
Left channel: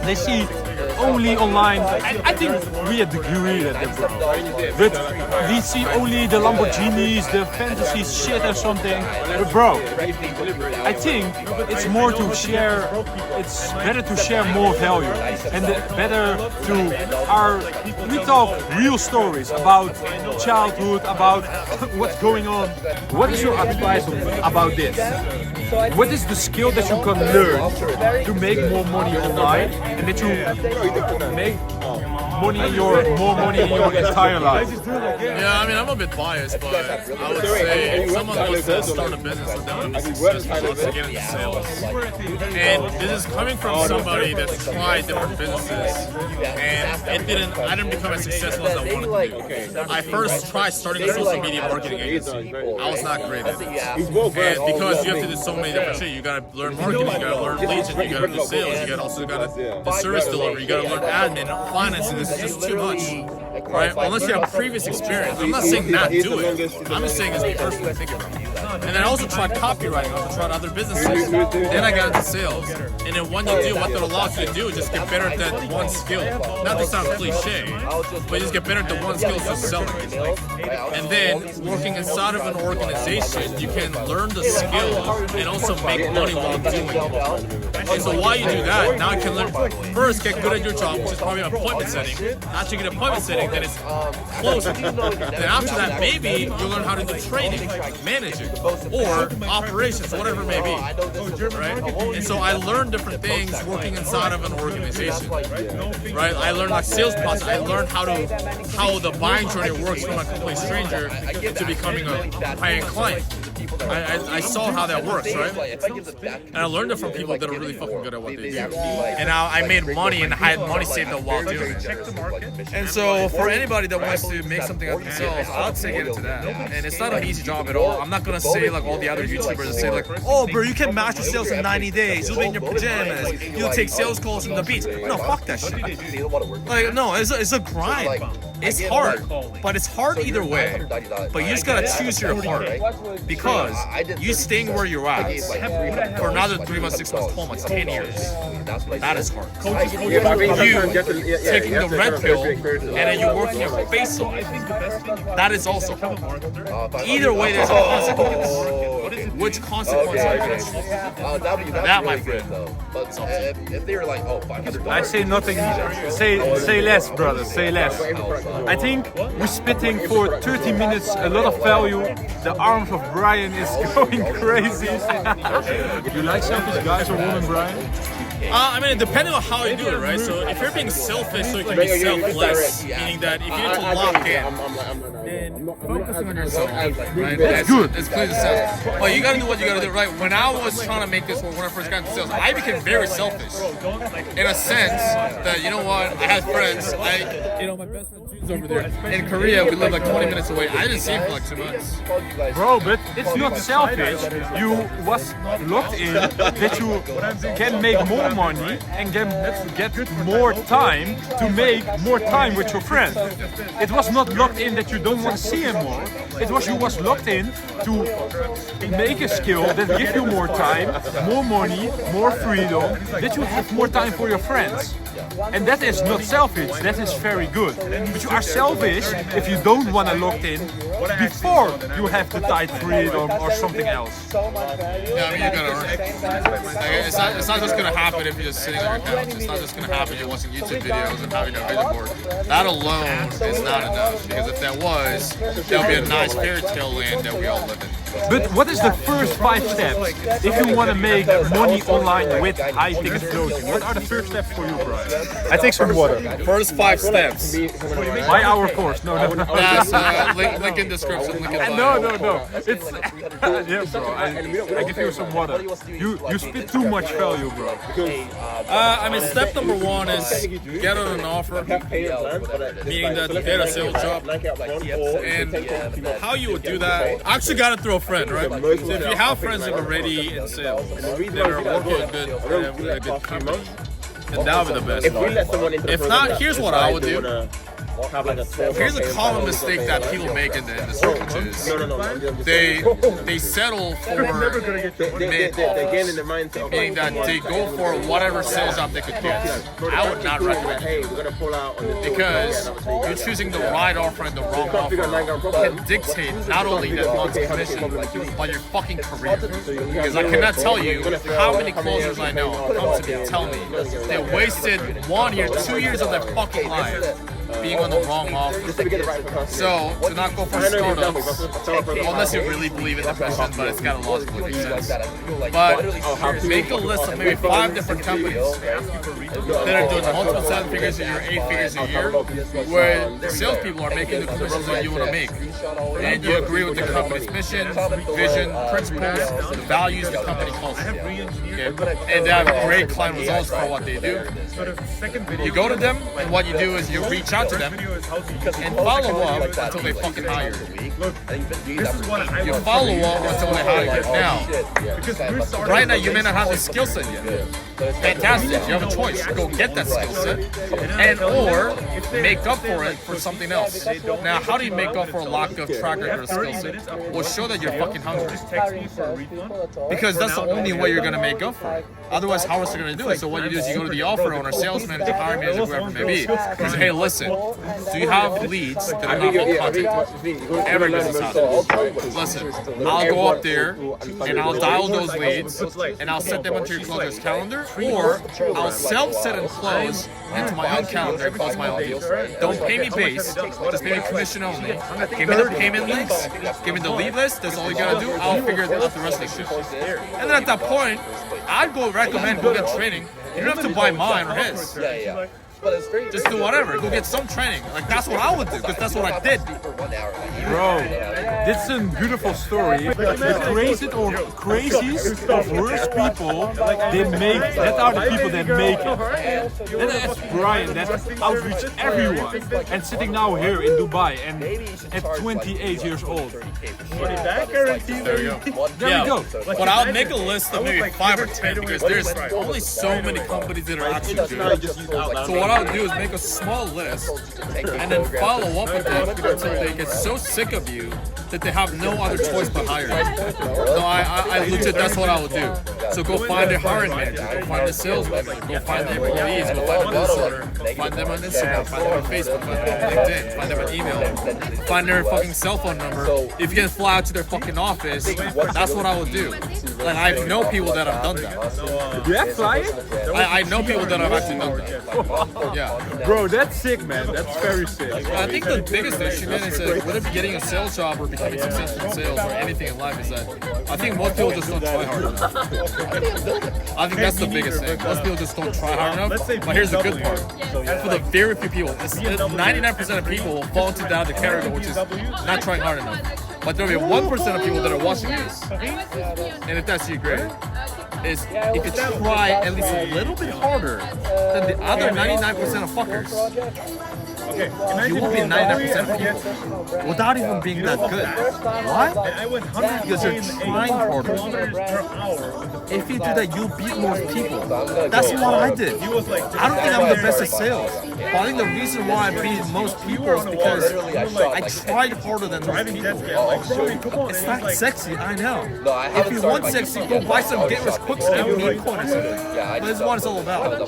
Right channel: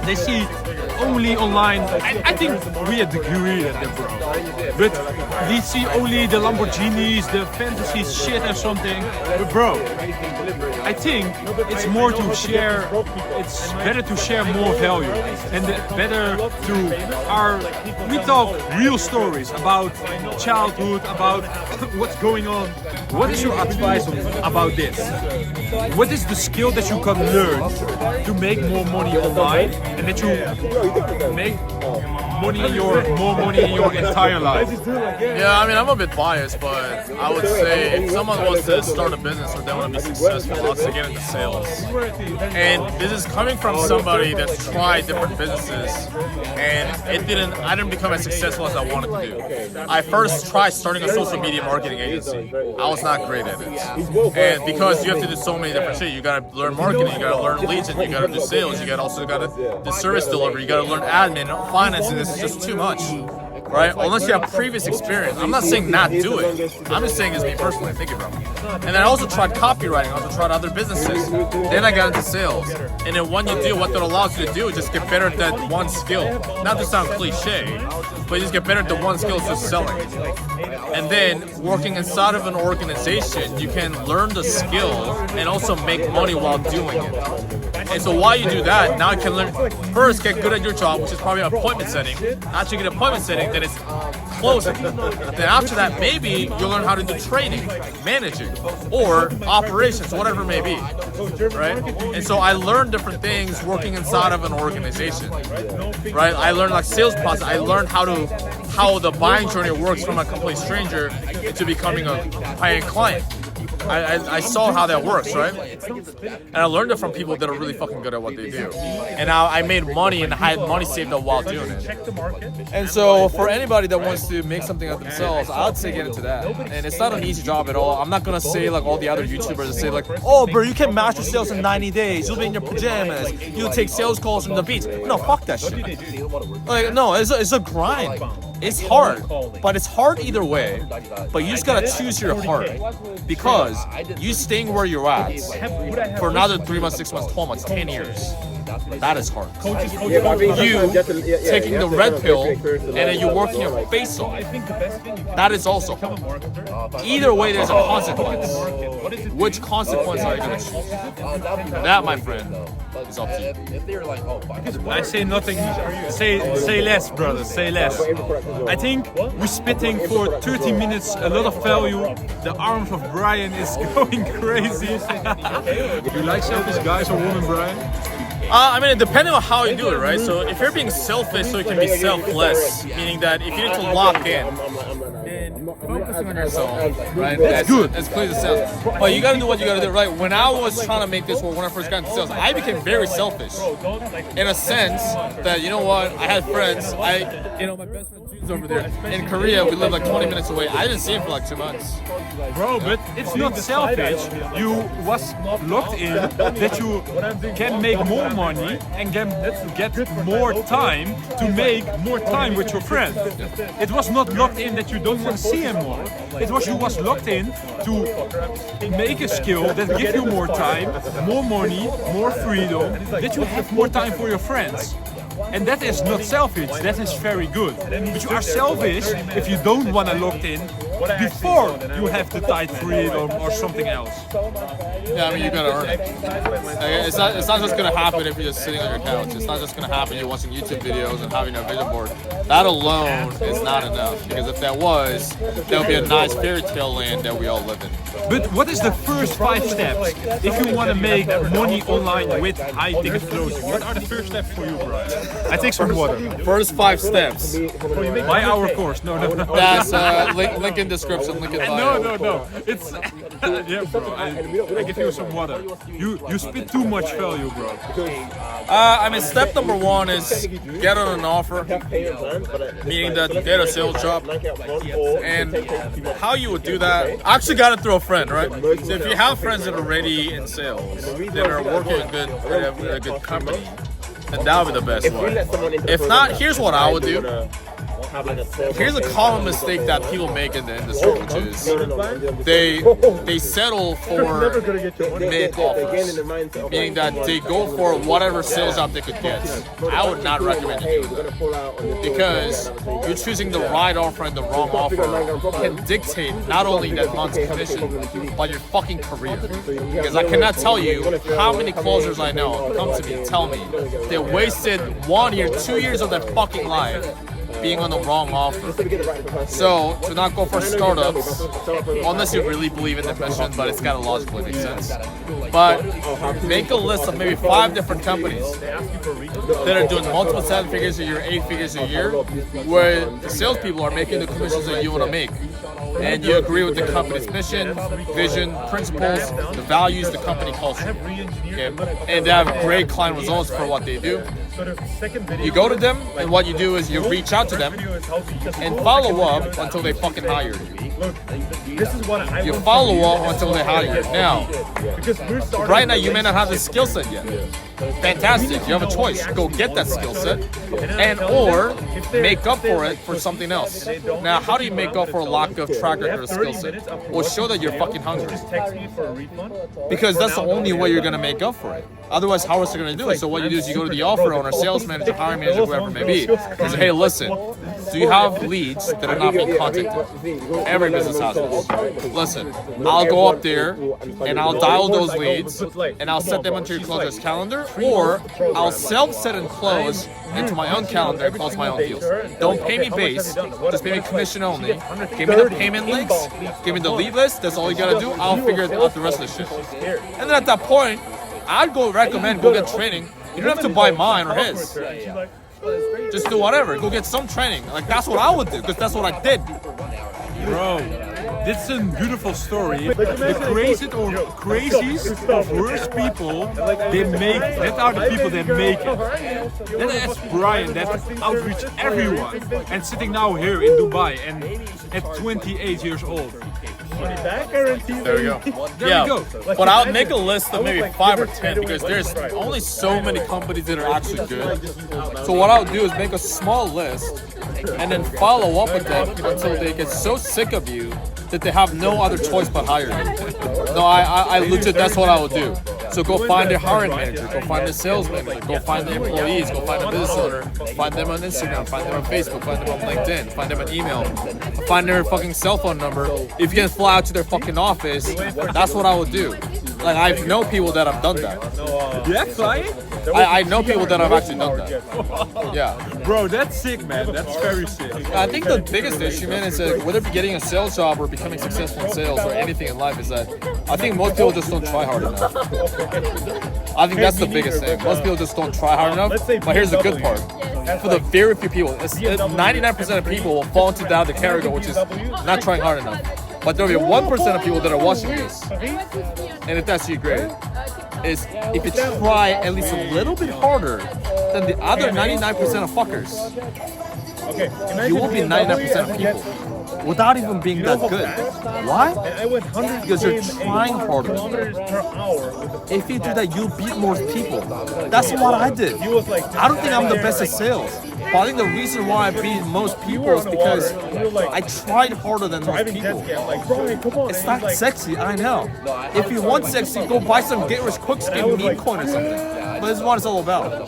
They see only online. I think we agree at that, bro. But we see only the Lamborghinis, the fantasy shit or something. But bro, I think it's more to share. It's better to share more value, and better to we talk real stories about childhood, about what's going on. What is your advice about this? What is the skill that you can learn to make more money online and that you make more money in your entire life? Yeah, I mean, I'm a bit biased, but I would say if someone wants to start a business or they want to be successful, wants to get into sales. And this is coming from somebody that's tried different businesses, and I didn't become as successful as I wanted to be. I first tried starting a social media marketing agency. I was not great at it. And because you have to do so many different shit, you gotta learn marketing, you gotta learn leads, and you gotta do sales, you gotta do service delivery, you gotta learn admin, financing. This is just too much, right? Unless you have previous experience. I'm not saying not do it. I'm just saying it's me personally thinking about it. And then I also tried copywriting. I also tried other businesses. Then I got into sales. And then when you do, what that allows you to do is just get better at that one skill. Not to sound cliche, but you just get better at the one skill, is just selling. And then working inside of an organization, you can learn the skill and also make money while doing it. And so while you do that, now you can learn, first get good at your job, which is probably an appointment setting. After you get appointment setting, then it's closing. Then after that, maybe you'll learn how to do trading, managing, or operations, whatever it may be, right? And so I learned different things working inside of an organization, right? I learned like sales process. I learned how the buying journey works from a complete stranger into becoming a paying client. I saw how that works, right? And I learned it from people that are really fucking good at what they do. And I made money and I had money saved up while doing it. And so for anybody that wants to make something of themselves, I would say get into that. And it's not an easy job at all. I'm not gonna say like all the other YouTubers that say like, oh bro, you can master sales in 90 days. You'll be in your pajamas. You'll take sales calls from the beach. No, fuck that shit. Like, no, it's a grind. It's hard, but it's hard either way. But you just gotta choose your heart, because you staying where you're at for another 3 months, 6 months, 12 months, 10 years, that is hard. You taking the red pill and then you working your face off, that is also hard. Either way, there's a consequence. Which consequence are you gonna choose? That, my friend, is up to you. I say nothing. Say less, brother. Say less. I think we're spitting for 30 minutes a lot of value. The arms of Brian is going crazy. You like selfish guys or women, Brian? I mean, depending on how you do it, right? So if you're being selfish, so you can be selfless, meaning that if you need to lock in, focusing on yourself, right? That's good. It's clear to sell. But you gotta do what you gotta do, right? When I was trying to make this work, when I first got into sales, I became very selfish. In a sense that, you know what, I had friends, my best friend June's over there. In Korea, we live like 20 minutes away. I didn't see him for like 2 months. Bro, but it's not selfish. You was locked in that you can make more money and can get more time to make more time with your friend. It was not locked in that you don't want to see him more. It was you was locked in to make a skill that give you more time, more money, more freedom, that you have more time for your friends. And that is not selfish, that is very good. But you are selfish if you don't want to lock in before you have the tight freedom or something else. Yeah, I mean, you gotta earn it. Like, it's not just gonna happen if you're just sitting on your couch. It's not just gonna happen if you're watching YouTube videos and having a vision board. That alone is not enough, because if that was, that would be a nice fairy tale land that we all live in. But what is the first 5 steps if you want to make money online with high ticket closing? What are the first steps for you, Brian? I take some water. First 5 steps. Buy our course. No. That's link in description. Link in bio. No. It's yeah, bro. I give you some water. You spit too much value, bro. I mean, step number 1 is get on an offer, meaning that you get a sales job. And how you would do that, I actually got it through a friend, right? So if you have friends that are already in sales, that are working with a good company, then that would be the best way. If not, here's what I would do. Here's a common mistake that people make in the industry, which is they settle for mid-offers, meaning that they go for whatever sales job they could get. I would not recommend it, because you're choosing the right offer and the wrong offer can dictate not only that month's commission, but your fucking career. Because I cannot tell you how many closers I know come to me and tell me they wasted 1 year, 2 years of their fucking life being on the wrong offer. So, to not go for startups, unless you really believe in the mission, but it's got to logically make sense. But make a list of maybe 5 different companies that are doing multiple 7 figures a year, 8 figures a year, where the salespeople are making the commissions that you want to make. And you agree with the company's mission, vision, principles, the values, the company culture. Okay? And they have great client results for what they do. You go to them, and what you do is you reach out to them and follow up until they fucking hire you. You follow up until they hire you. Now, right now you may not have the skill set yet. Fantastic, you have a choice. Go get that skill set, and or make up for it for something else. Now, how do you make up for a lack of track record or skill set? Well, show that you're fucking hungry. Because that's the only way you're gonna make up for it. Otherwise, how else are you gonna do it? So what you do is you go to the offer owner, sales manager, hiring manager, whoever it may be, and say, hey, listen, do you have leads that are not being contacted? Every business has this. Listen, I'll go up there and I'll dial those leads and I'll set them onto your closer's calendar, or I'll self-set and close into my own calendar and close my own deals. Don't pay me base, just pay me commission only. Give me the payment links, give me the lead list, that's all you gotta do. I'll figure out the rest of the shit. And then at that point, I'd go recommend go get training. You don't have to buy mine or his. Just do whatever. Go get some training. Like, that's what I would do, because that's what I did. Bro, this is a beautiful story. The craziest of worst people, that are the people that make it. Then as Brian, that outreach everyone, and sitting now here in Dubai and at 28 years old. There we go. There we go. But I'll make a list of maybe 5 or 10, because there's only so many companies that are actually doing it. So what I'll do is make a small list and then follow up with them until they get so sick of you that they have no other choice but hiring you. No, I legit, that's what I would do. So go find their hiring manager, go find the sales manager, go find the employees, go find the business owner, find them on Instagram, find them on Facebook, find them on LinkedIn, find them on email, find their fucking cell phone number. If you can fly out to their fucking office, that's what I would do. Like, I know people that have done that. Yeah, flying? I know people that have actually done that. Yeah. Bro, that's sick, man. That's very sick. I think the biggest issue, man, is that whether getting a sales job or becoming successful in sales or anything in life is that I think most people just don't try hard enough. I think that's the biggest thing. Most people just don't try hard enough. But here's the good part. For the very few people, 99% of people will fall into that category, which is not trying hard enough. But there'll be 1% of people that are watching this. And if that's you, great. Is if you try at least a little bit harder than the other 99% of fuckers, you will be 99% of people without even being that good. Why? Because you're trying harder. If you do that, you beat more people. That's what I did. I don't think I'm the best at sales. But I think the reason why I beat most people is because I tried harder than most people. It's not sexy, I know. If you want sexy, go buy some Get Rich Quick Scheme meme coin or something. But this is what it's all about.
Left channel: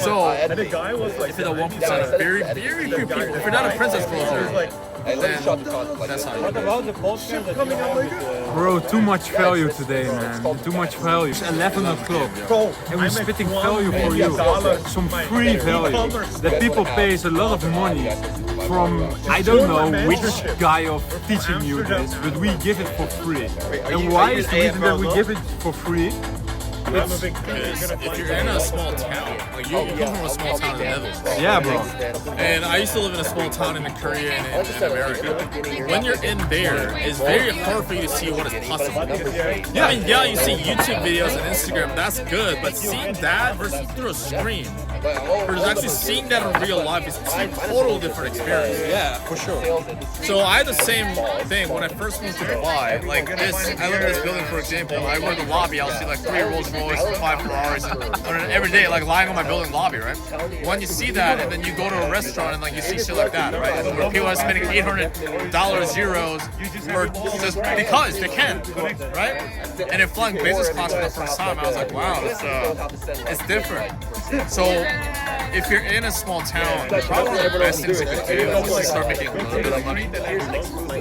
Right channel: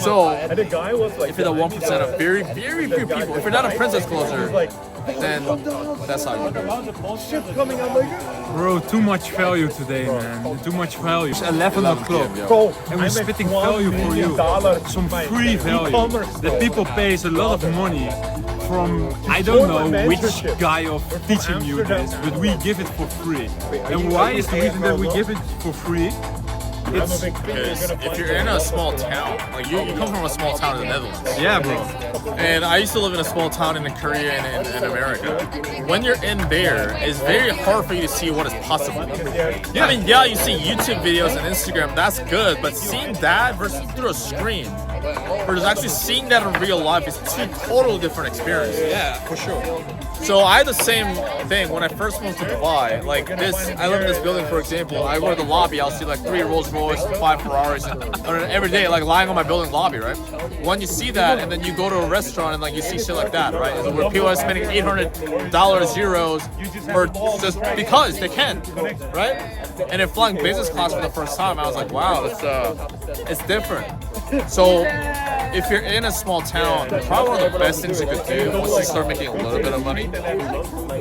So, if you're the 1% of very, very few people, if you're not a princess closer, then that's how you do it. Bro, too much value today, man. Too much value. It's 11 o'clock and we're spitting value for you. Some free value that people pays a lot of money from, I don't know which guy of teaching you this, but we give it for free. And why is the reason that we give it for free? It's because if you're in a small town, like you come from a small town in the Netherlands. Yeah, bro. And I used to live in a small town in Korea and in America. When you're in there, it's very hard for you to see what is possible. Yeah. I mean, yeah, you see YouTube videos and Instagram, that's good, but seeing that versus through a screen, versus actually seeing that in real life is a totally different experience. Yeah, for sure. So I had the same thing when I first moved to Dubai. Like this, I live in this building, for example. I go to the lobby, I'll see like 3 Rolls Royce and 5 Ferraris every day, like lying on my building lobby, right? When you see that, and then you go to a restaurant and like you see shit like that, right? And where people are spending $800 euros for just because they can, right? And then flying business class for the first time, I was like, wow, it's different. So if you're in a small town, probably one of the best things you could do once you start making a little bit of money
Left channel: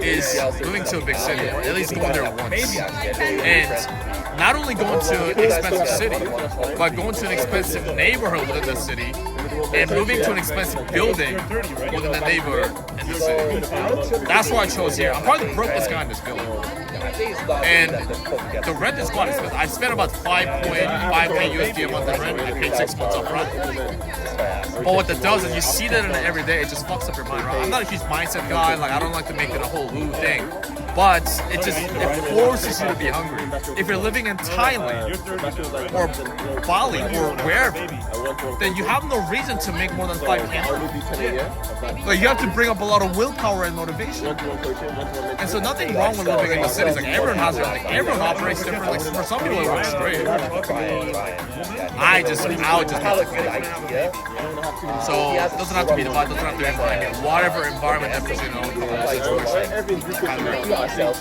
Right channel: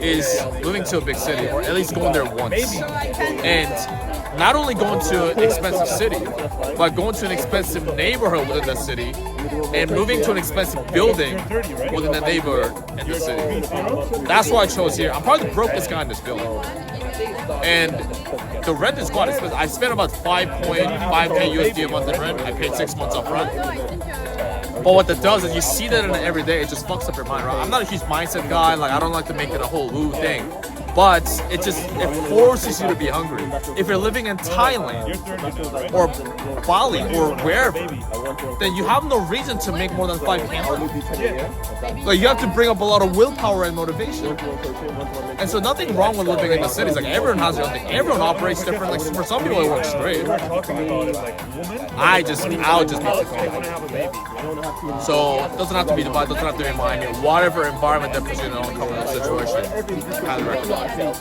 is moving to a big city, or at least going there once. And not only going to an expensive city, but going to an expensive neighborhood within the city, and moving to an expensive building within the neighborhood in the city. That's why I chose here. I'm probably the brokest guy in this building. And the rent is quite expensive. I spent about 5.5K USD a month in rent. I paid 6 months up front. But what that does is you see that in it every day, it just fucks up your mind, right? I'm not a huge mindset guy, like I don't like to make it a whole ooh thing. But it forces you to be hungry. If you're living in Thailand or Bali or wherever, then you have no reason to make more than 5K. Like you have to bring up a lot of willpower and motivation. And so nothing wrong with living in the cities. Like everyone has their own thing. Everyone operates differently. For some people it works great. I would just need to go. So it doesn't have to be Dubai, doesn't have to be Miami. Whatever environment that puts you in your own comfortable situation, I recommend.